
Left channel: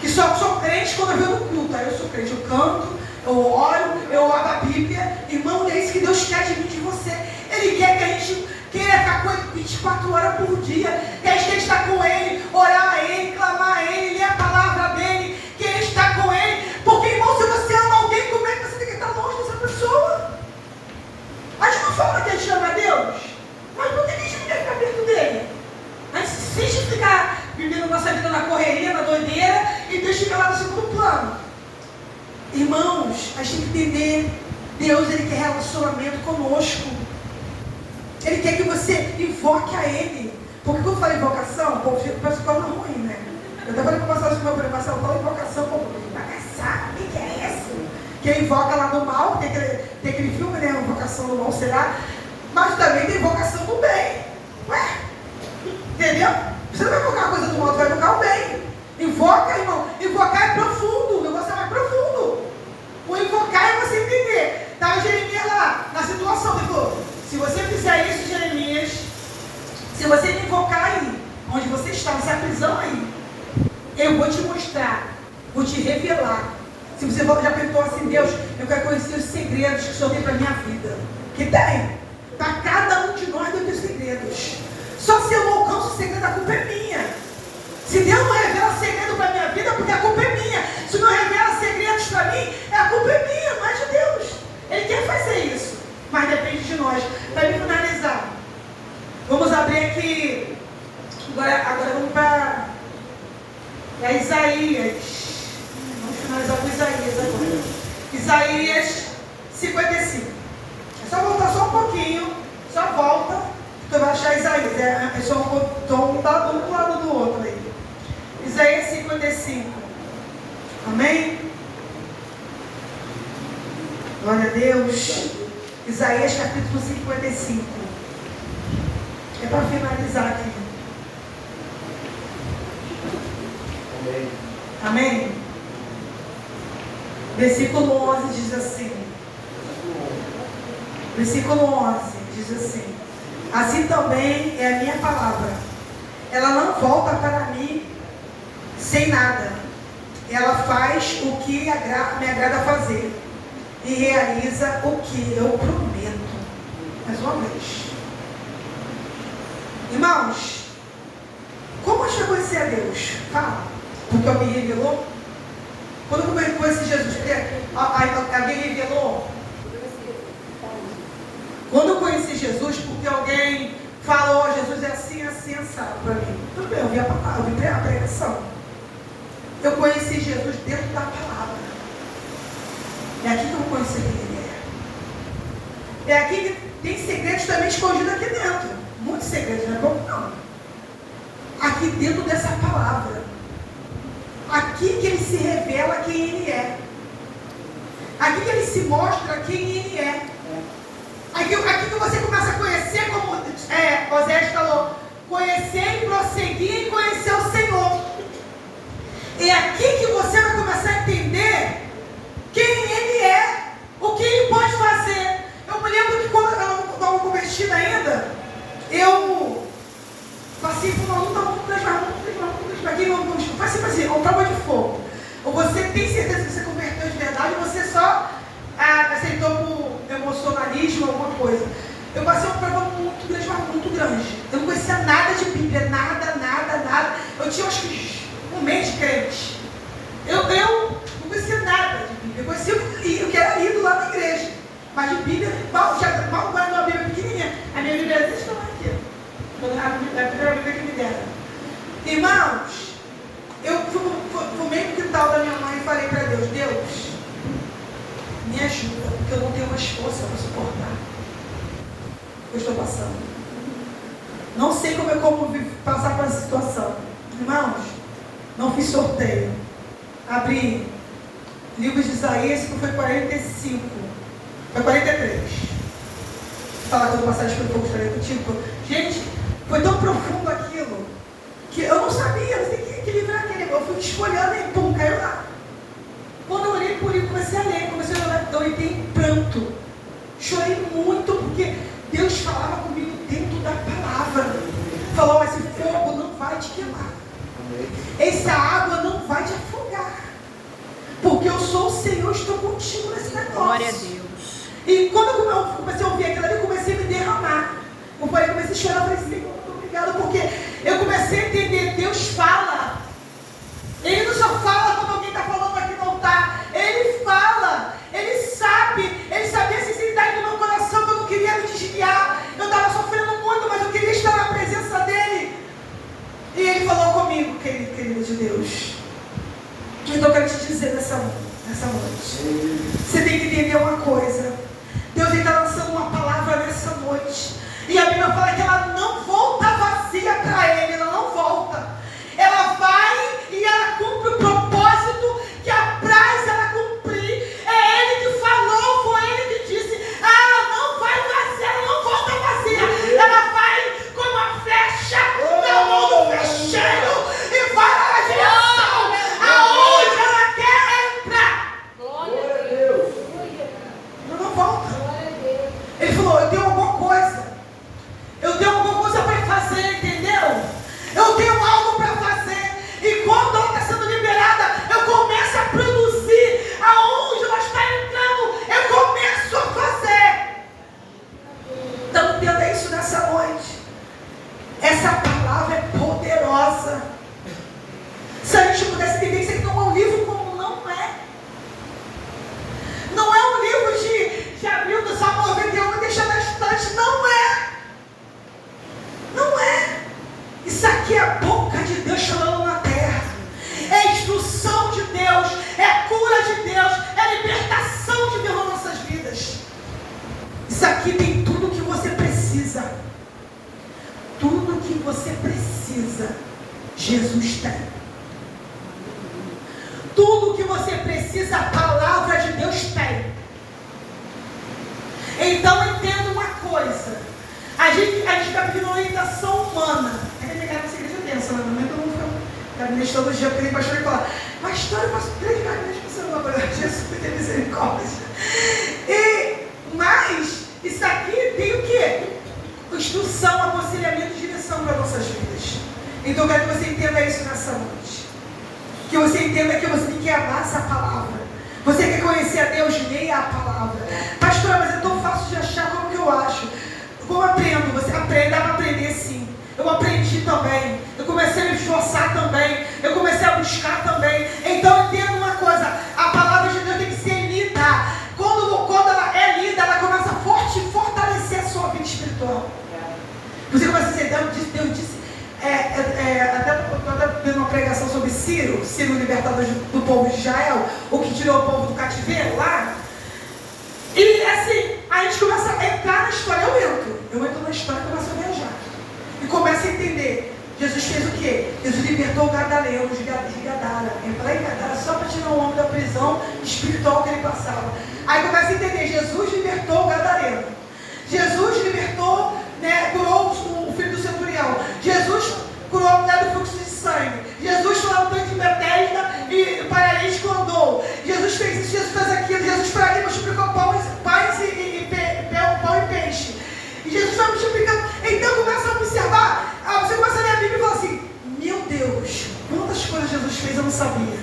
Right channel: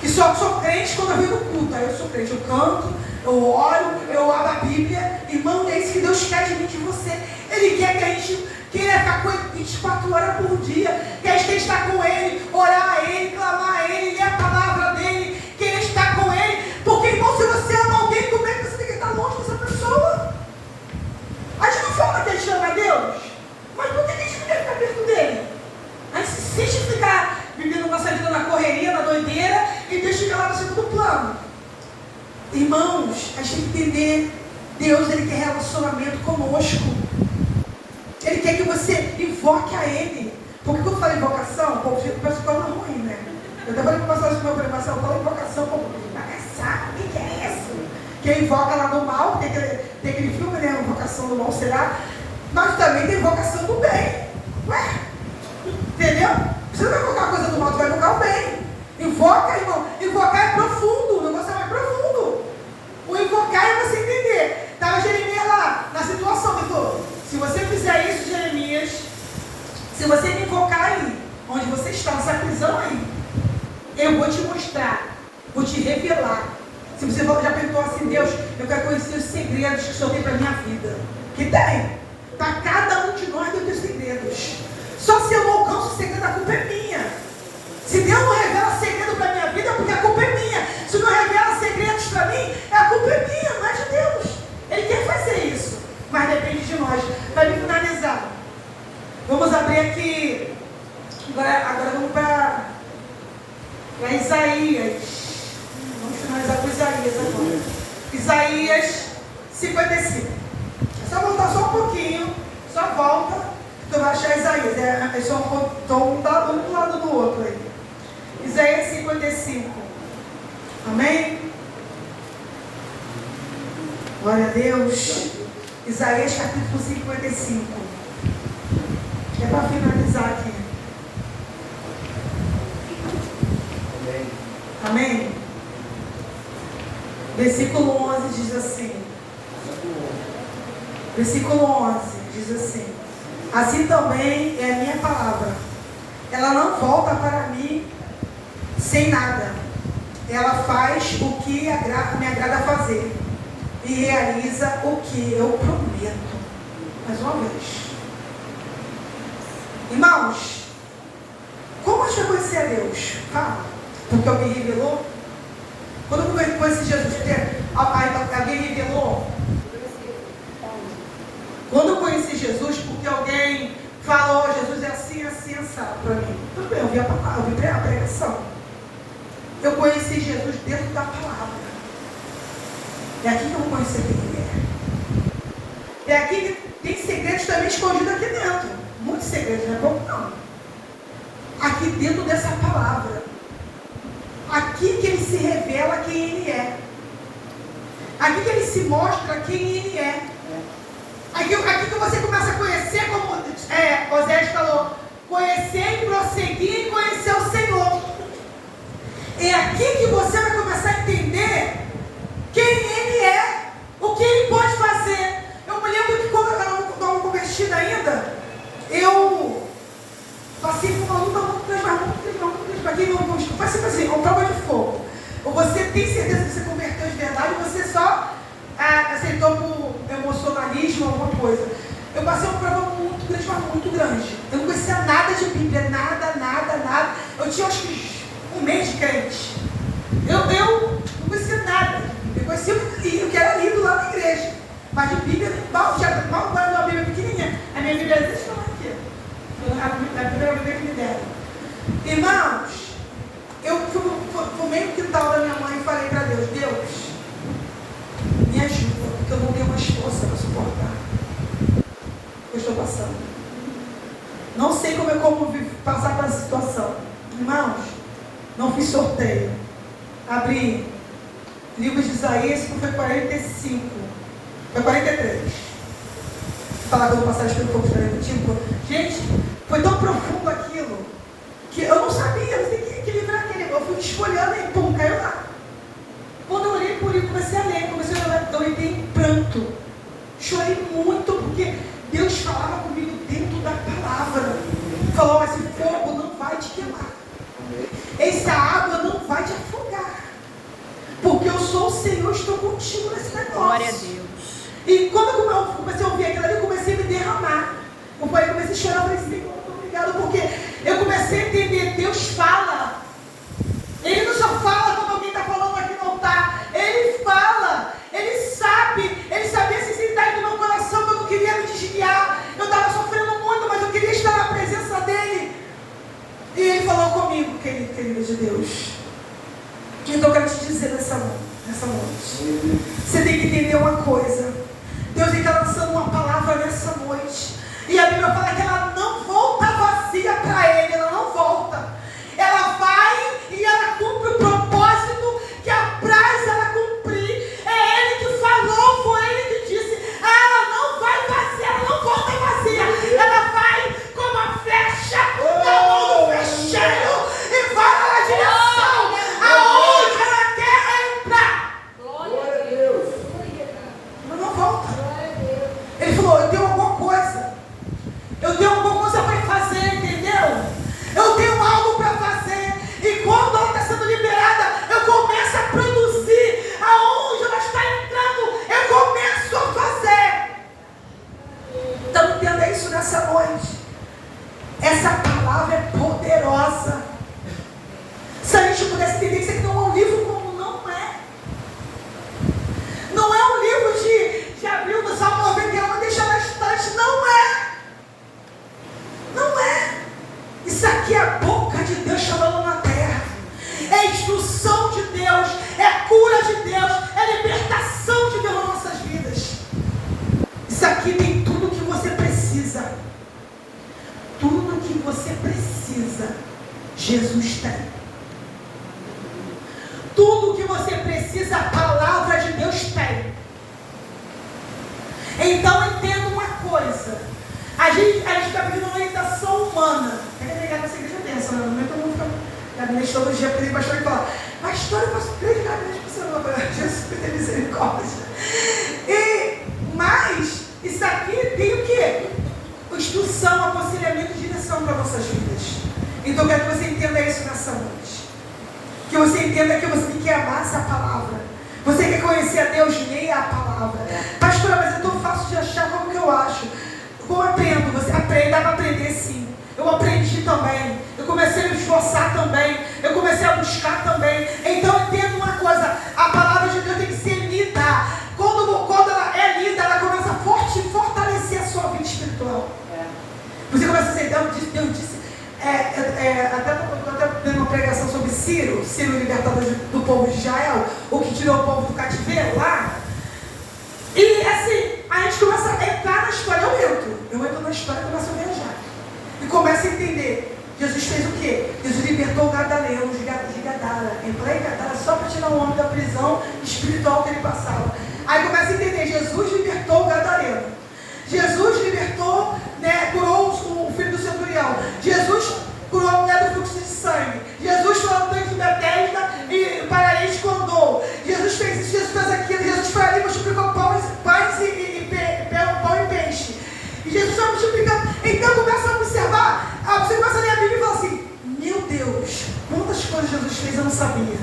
Que só sou crente quando eu venho no culto. Aí eu sou crente, eu canto, eu oro, eu abro a Bíblia. Irmão, é isso que Deus quer de mim, de você. Ele quer que a gente queira ficar com ele 24 horas por dia. Que a gente está com ele, orar a ele, clamar a ele, ler a palavra dele, querer estar com ele. Porque, irmão, se você ama alguém, como é que você tem que estar longe dessa pessoa? A gente não fala que a gente ama a Deus, mas por que a gente não quer ficar perto dele? A gente insiste em ficar vivendo nossa vida na correria, na doideira, e deixa ele lá no segundo plano. Irmãos, a gente tem que entender, Deus, ele quer relacionamento conosco. Ele quer que você invoque a ele. Porque quando eu falo invocação, o povo pensa que é ruim, né? Eu até falei para vocês na minha preparação, eu falo invocação, o povo, sabe o que é isso? Que ele invoca lá no mal, tem aquele filme, né? Invocação do mal será, mas também tem invocação do bem. Ué? Entendeu? Você não vai invocar a coisa do mal, você vai invocar o bem. Invoca, irmão. Invocar é profundo, o negócio é mais profundo. O invocar é você entender. Estava Jeremias lá, na situação, ele falou: se você fizer isso, Jeremias, se você me invocar aí, onde você está, nessa prisão aí, eu vou te mostrar, vou te revelar. Se você já perguntou assim: Deus, eu quero conhecer os segredos que o Senhor tem para a minha vida. Que tem. Para cada um de nós tem os segredos. Só se eu não alcanço o segredo, a culpa é minha. Se Deus não revela segredo para a minha vida, é porque a culpa é minha. Se não revela segredos para mim, a culpa é minha, não é de Deus. Ele quer fazer isso, mas depende de nós. Para me finalizar, vamos abrir aqui. Agora vamos para Isaías. Vamos finalizar com Isaías agora. Isaías 55. É só voltar só um pouquinho. Só volta. Porque eu vou achar Isaías. É só um do lado do outro aí. Isaías 55. Amém? Glória a Deus. Isaías capítulo 55. É para finalizar aqui. Amém. Amém? Versículo 11 diz assim. Versículo 11 diz assim: assim também é a minha palavra. Ela não volta para mim sem nada. Ela faz o que me agrada fazer e realiza o que eu prometo. Mais uma vez. Irmãos, como a gente vai conhecer a Deus? Fala. Porque eu me revelou? Quando eu conheci Jesus, alguém revelou. Quando eu conheci Jesus, porque alguém falou, Jesus é assim, assim, assado para mim. Tudo bem, eu vi a palavra, eu vi a pregação. Eu conheci Jesus dentro da palavra. É aqui que eu conheci quem Ele é. É aqui que tem segredos também escondidos aqui dentro. Muitos segredos, não é bom não. Aqui dentro dessa palavra. Aqui que Ele se revela quem Ele é. Aqui que Ele se mostra quem Ele é. Aqui que você começa a conhecer, como Oséias falou, conhecer e prosseguir e conhecer o Senhor. É aqui que você vai começar a entender quem Ele é, o que Ele pode fazer. Eu me lembro que quando eu não estava convertida ainda, eu passei por uma luta muito grande, para quem não faz assim, uma prova de fogo. Ou você tem certeza que você converteu de verdade, ou você só aceitou por emocionalismo, alguma coisa. Eu passei uma prova muito grande, mas muito grande. Eu não conhecia nada de Bíblia, nada. Eu tinha acho que um mês de crente. Eu não conhecia nada de Bíblia. Eu conhecia o que era lido lá na igreja. Mas de Bíblia, mal guardando uma Bíblia pequenininha. A minha Bíblia é desse tamanho aqui. A primeira Bíblia que me deram. Irmãos, eu fui meio no quintal da minha mãe e falei para Deus, Deus, me ajuda, porque eu não tenho mais força para suportar o que eu estou passando. Não sei como passar por essa situação. Irmãos, não fiz sorteio. Abri livro de Isaías, que foi 45. Foi 43. Falar que eu vou passar pelo fogo contigo. Gente, foi tão profundo aquilo que eu não sabia. Eu sei que livro era aquele. Eu fui esfolhando e pum, caiu lá. Quando eu olhei por ele, comecei a ler, eu entrei em pranto. Chorei muito, porque Deus falava comigo dentro da palavra. Falou, mas esse fogo não vai te queimar. Essa água não vai te afogar. Porque eu sou o Senhor, estou contigo nesse negócio. Glória a Deus. E quando eu comecei a ouvir aquilo ali, eu comecei a me derramar. Eu comecei a chorar, eu falei, Senhor, muito obrigado, porque eu comecei a entender, Deus fala. Ele não só fala quando alguém está falando aqui no altar. Ele fala, Ele sabe. Ele sabia a sinceridade do meu coração, que eu não queria me desviar. Eu estava sofrendo muito, mas eu queria estar na presença dEle. E Ele falou comigo, querido de Deus. Então eu quero te dizer nessa noite. Você tem que entender uma coisa. Deus está lançando uma palavra nessa noite. E a Bíblia fala que ela não volta vazia para Ele. Ela não volta. Ela vai e ela cumpre o propósito que apraz ela cumprir. É Ele que falou, foi Ele que disse. Ela não vai vazia, ela não volta vazia. Ela vai como uma flecha na mão do flecheiro e vai na direção aonde ela quer entrar. Glória a Deus. Ela não volta. Ele falou, eu tenho alguma coisa. Eu tenho alguma coisa para fazer, entendeu? Eu tenho algo para fazer. E quando ela está sendo liberada, eu começo a produzir. Aonde ela está entrando, eu começo a fazer. Então entenda isso nessa noite. Essa palavra é poderosa. Se a gente pudesse entender que isso aqui não é um livro como não é. Não é um livro de abrir do Salmo 91 e deixar na estante. Não é. Não é. Isso aqui é a boca de Deus falando na terra. É instrução de Deus. É cura de Deus. É libertação de Deus nas nossas vidas. Isso aqui tem tudo o que você precisa. Tudo o que você precisa, Jesus tem. Tudo o que você precisa, a palavra de Deus tem. Então entenda uma coisa. A gente está pedindo uma orientação humana. Você pensa, não é que eu vou ficar na minha todo dia, porque tem pastor que fala, pastor, eu posso predicar minhas pessoas, Jesus tem misericórdia. Mas isso aqui tem o quê? Instrução, aconselhamento e direção para nossas vidas. Então eu quero que você entenda isso nessa noite. Que você entenda que você tem que amar essa palavra. Você quer conhecer a Deus, leia a palavra. Pastor, mas é tão fácil de achar, como que eu acho? Como eu aprendo? Você aprende, dá para aprender sim. Eu aprendi também. Eu comecei a me esforçar também. Eu comecei a buscar também. Então entenda uma coisa. Ciro, Ciro libertador do povo de Israel, o que tirou o povo do cativeiro lá. E assim, a gente começa a entrar na história, eu entro na história e começo a viajar. E começo a entender, Jesus fez o quê? Jesus libertou o Gadareno de Gadara. Entrar em Gadara só para tirar o homem da prisão espiritual que ele passava. Aí começa a entender, Jesus libertou o Gadareno. Jesus libertou, né, curou o filho do centurião. Jesus curou a mulher do fluxo de sangue. Jesus foi ao tanque de Betesda e o paralítico andou. Jesus fez isso, Jesus fez aquilo. Jesus foi ali, multiplicou pão e peixe. E Jesus foi multiplicando. Então começa a observar, você começa a ler a Bíblia e fala assim, meu Deus, quantas coisas Jesus fez eu não sabia.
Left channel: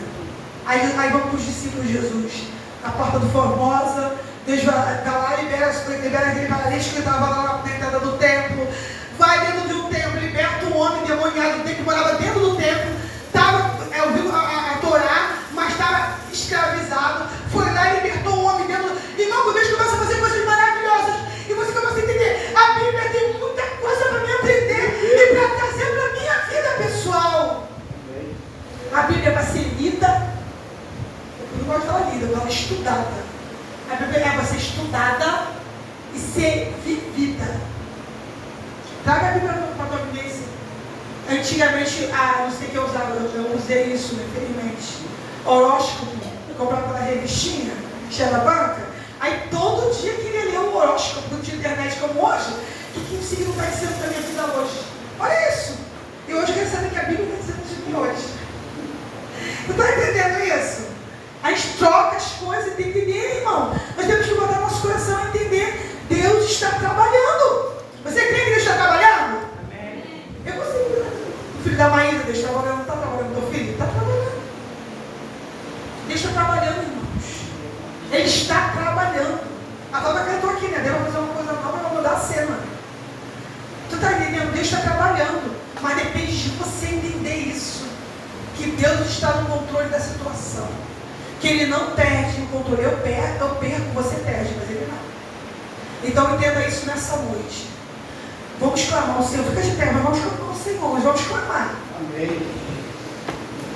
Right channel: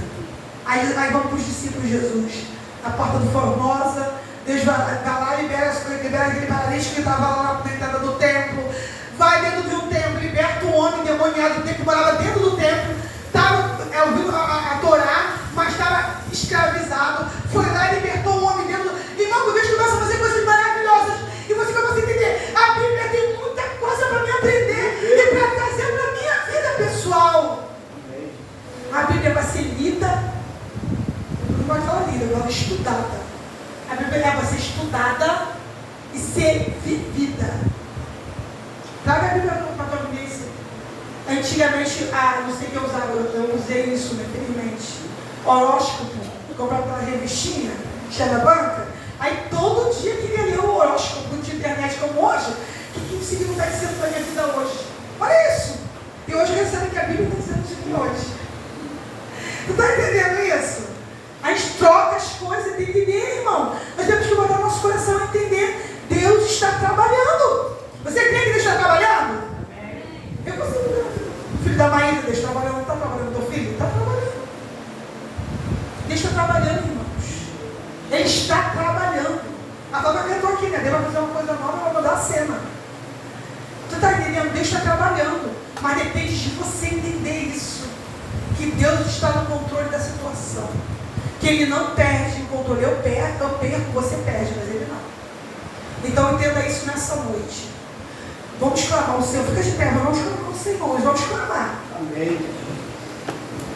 Aí vamos para os discípulos de Jesus. A porta do Formosa, Deus vai lá, libera aquele paralítico que estava lá na entrada do templo. Vai dentro de um templo, liberta um homem endemoniado do templo, que morava dentro do templo, estava ouvindo a Torá, mas estava escravizado. Foi lá e libertou um homem dentro. E não, Deus começa a fazer coisas maravilhosas. E você começa a entender, a Bíblia tem muita coisa para me aprender e para trazer para a minha vida pessoal. A Bíblia vai ser lida, eu não gosto de falar lida, eu falo estudada. A Bíblia é para ser estudada e ser vivida. Traga a Bíblia para a tua vivência. Antigamente, não sei o que eu usava, eu usei isso, né, felizmente. Horóscopo, eu comprava aquela revistinha, cheia da banca. Aí todo dia queria ler o horóscopo de internet como hoje. O que signo está dizendo para a minha vida hoje? Olha isso. E hoje eu recebo que a Bíblia está dizendo isso aqui hoje. Tu está entendendo isso? A gente troca as coisas e tem que entender, irmão. Nós temos que botar nosso coração a entender. Deus está trabalhando. Você crê que Deus está trabalhando? Amém. Eu consigo ver o filho da Maísa, Deus está trabalhando, não está trabalhando. Teu filho está trabalhando. Deus está trabalhando, irmãos. Ele está trabalhando. A Flávia cantou aqui, né? Deus vai fazer uma coisa nova, vai mudar a cena. Tu está entendendo? Deus está trabalhando. Mas depende de você entender isso. Que Deus está no controle da situação. Que Ele não perde o controle. Eu perco, você perde, mas Ele não. Então entenda isso nessa noite. Vamos clamar ao Senhor. Fica de pé, mas vamos clamar ao Senhor. Vamos clamar. Amém.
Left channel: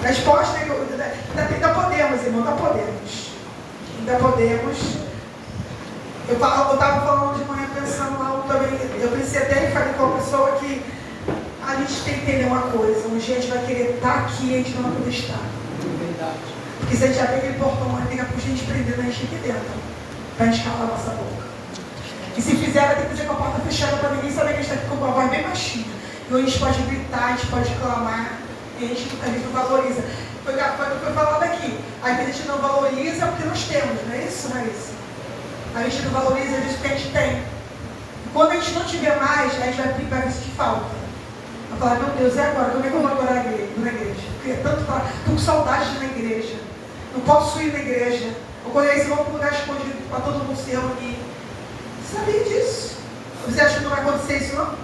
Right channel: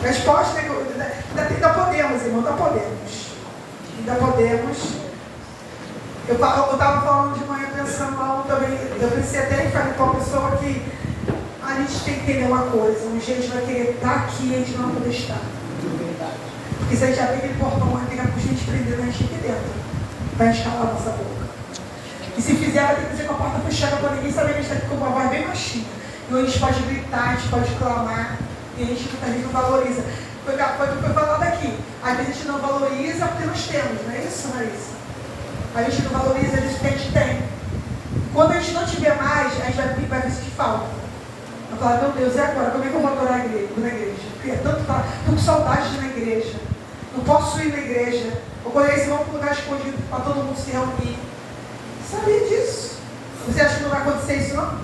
Resposta, ainda podemos, irmão, ainda podemos. Ainda podemos. Eu estava falando de manhã pensando lá também. Eu pensei até e falei com uma pessoa que a gente tem que entender uma coisa. Um dia a gente vai querer estar aqui e a gente não vai poder estar. Porque se a gente abrir aquele portão, vai pegar por gente prender a gente aqui dentro. Vai escalar a nossa boca. E se fizer, vai ter que dizer com a porta fechada para ninguém saber que a gente está aqui com uma voz bem baixinha. E hoje a gente pode gritar, a gente pode clamar, e a gente não valoriza. Foi falado aqui. Às vezes a gente não valoriza porque nós temos, não é isso, Marisa? A gente não valoriza às vezes porque a gente tem. Quando a gente não tiver mais, a gente vai sentir falta. Vai falar, meu Deus, e agora? Como é que eu vou adorar na igreja? Porque tanto falar, estou com saudade de ir na igreja. Não posso ir na igreja. Ou quando eles vão para um lugar escondido para todo mundo se reunir. Sabia disso? Você acha que não vai acontecer isso não?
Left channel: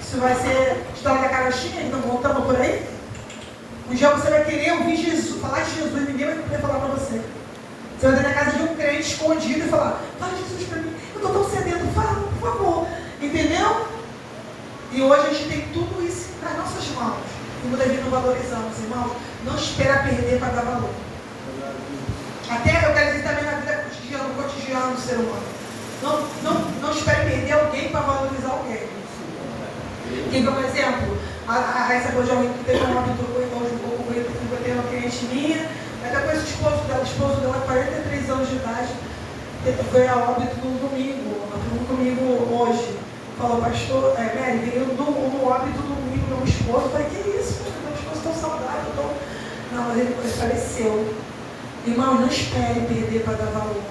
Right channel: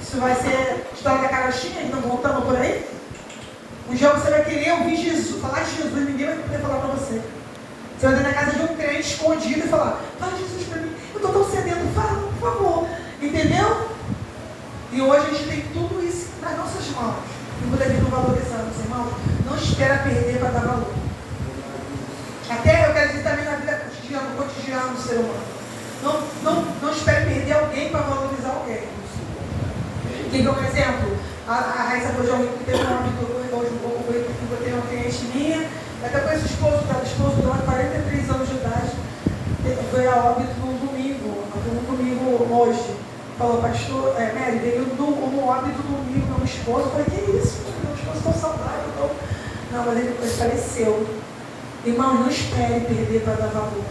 Isso vai ser história da carochinha, então voltando por aí? Um dia você vai querer ouvir Jesus, falar de Jesus, ninguém vai poder falar para você. Você vai entrar na casa de um crente escondido e falar, fala de Jesus para mim, eu estou tão sedento, fala, por favor. Entendeu? E hoje a gente tem tudo isso nas nossas mãos. E muitas vezes não valorizamos, irmãos. Não espera perder para dar valor. Até eu quero dizer também na vida cotidiana do ser humano. Não espere perder alguém para valorizar alguém. Porque, por exemplo, a Raíssa Bojão, que teve uma aventura hoje um pouco comigo, eu tenho uma cliente minha, daqui a pouco o esposo dela, 43 anos de idade, foi a óbito no domingo, comigo hoje. Falou, pastor, Mary, veio no óbito do domingo do meu esposo. Eu falei, que isso? Meu esposo tão saudável. Não, mas ele faleceu. Irmão, não espere perder para dar valor.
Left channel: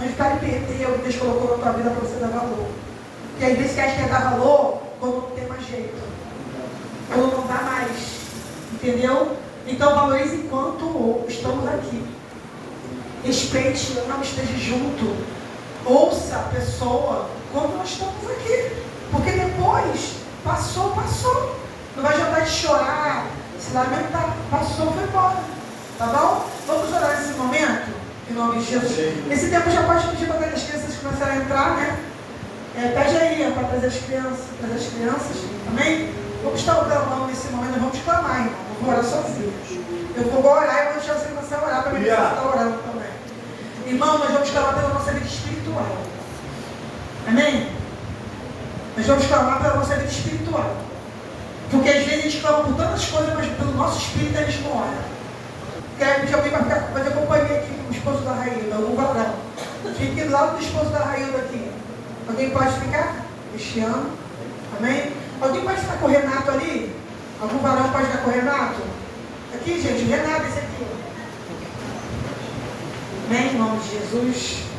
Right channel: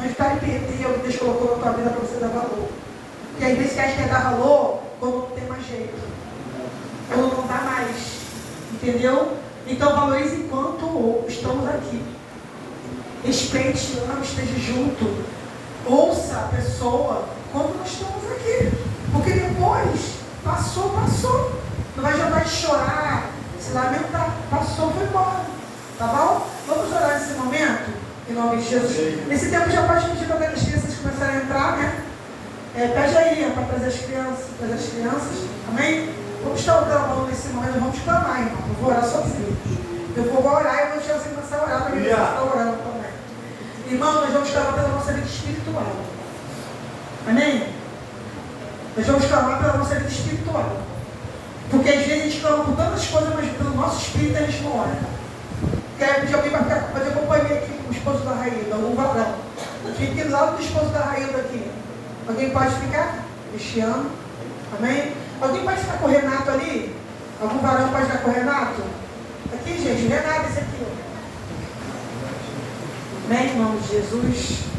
Não espere perder o que Deus colocou na tua vida para você dar valor. Porque às vezes que a gente quer dar valor quando não tem mais jeito. Quando não dá mais. Entendeu? Então valorize enquanto estamos aqui. Respeite, ame, esteja junto. Ouça a pessoa quando nós estamos aqui. Porque depois, passou. Não vai adiantar de chorar, se lamentar. Passou, foi embora. Tá bom? Vamos orar nesse momento? Em nome de Jesus. Nesse tempo já pode pedir para as crianças começarem a entrar, né? Pede aí para trazer as crianças. Amém? Vamos estar clamando nesse momento. Vamos clamar, irmão. vou orar sozinho. Eu vou orar e vou deixar você começar a orar para mim, você está orando também. Irmão, nós vamos clamar pela nossa vida espiritual. Amém? Nós vamos clamar pela nossa vida espiritual. Porque às vezes a gente clama por tantas coisas, mas pelo nosso espírito a gente não ora. Quero pedir alguém para fazer companhia aqui com o esposo da Raílda, o varão. Fique aqui do lado do esposo da Raílda aqui. Alguém pode ficar? Cristiano. Amém? Alguém pode ficar com o Renato ali? Algum varão pode ficar com o Renato? Aqui, gente, o Renato, esse aqui. Ó. Amém, em nome de Jesus.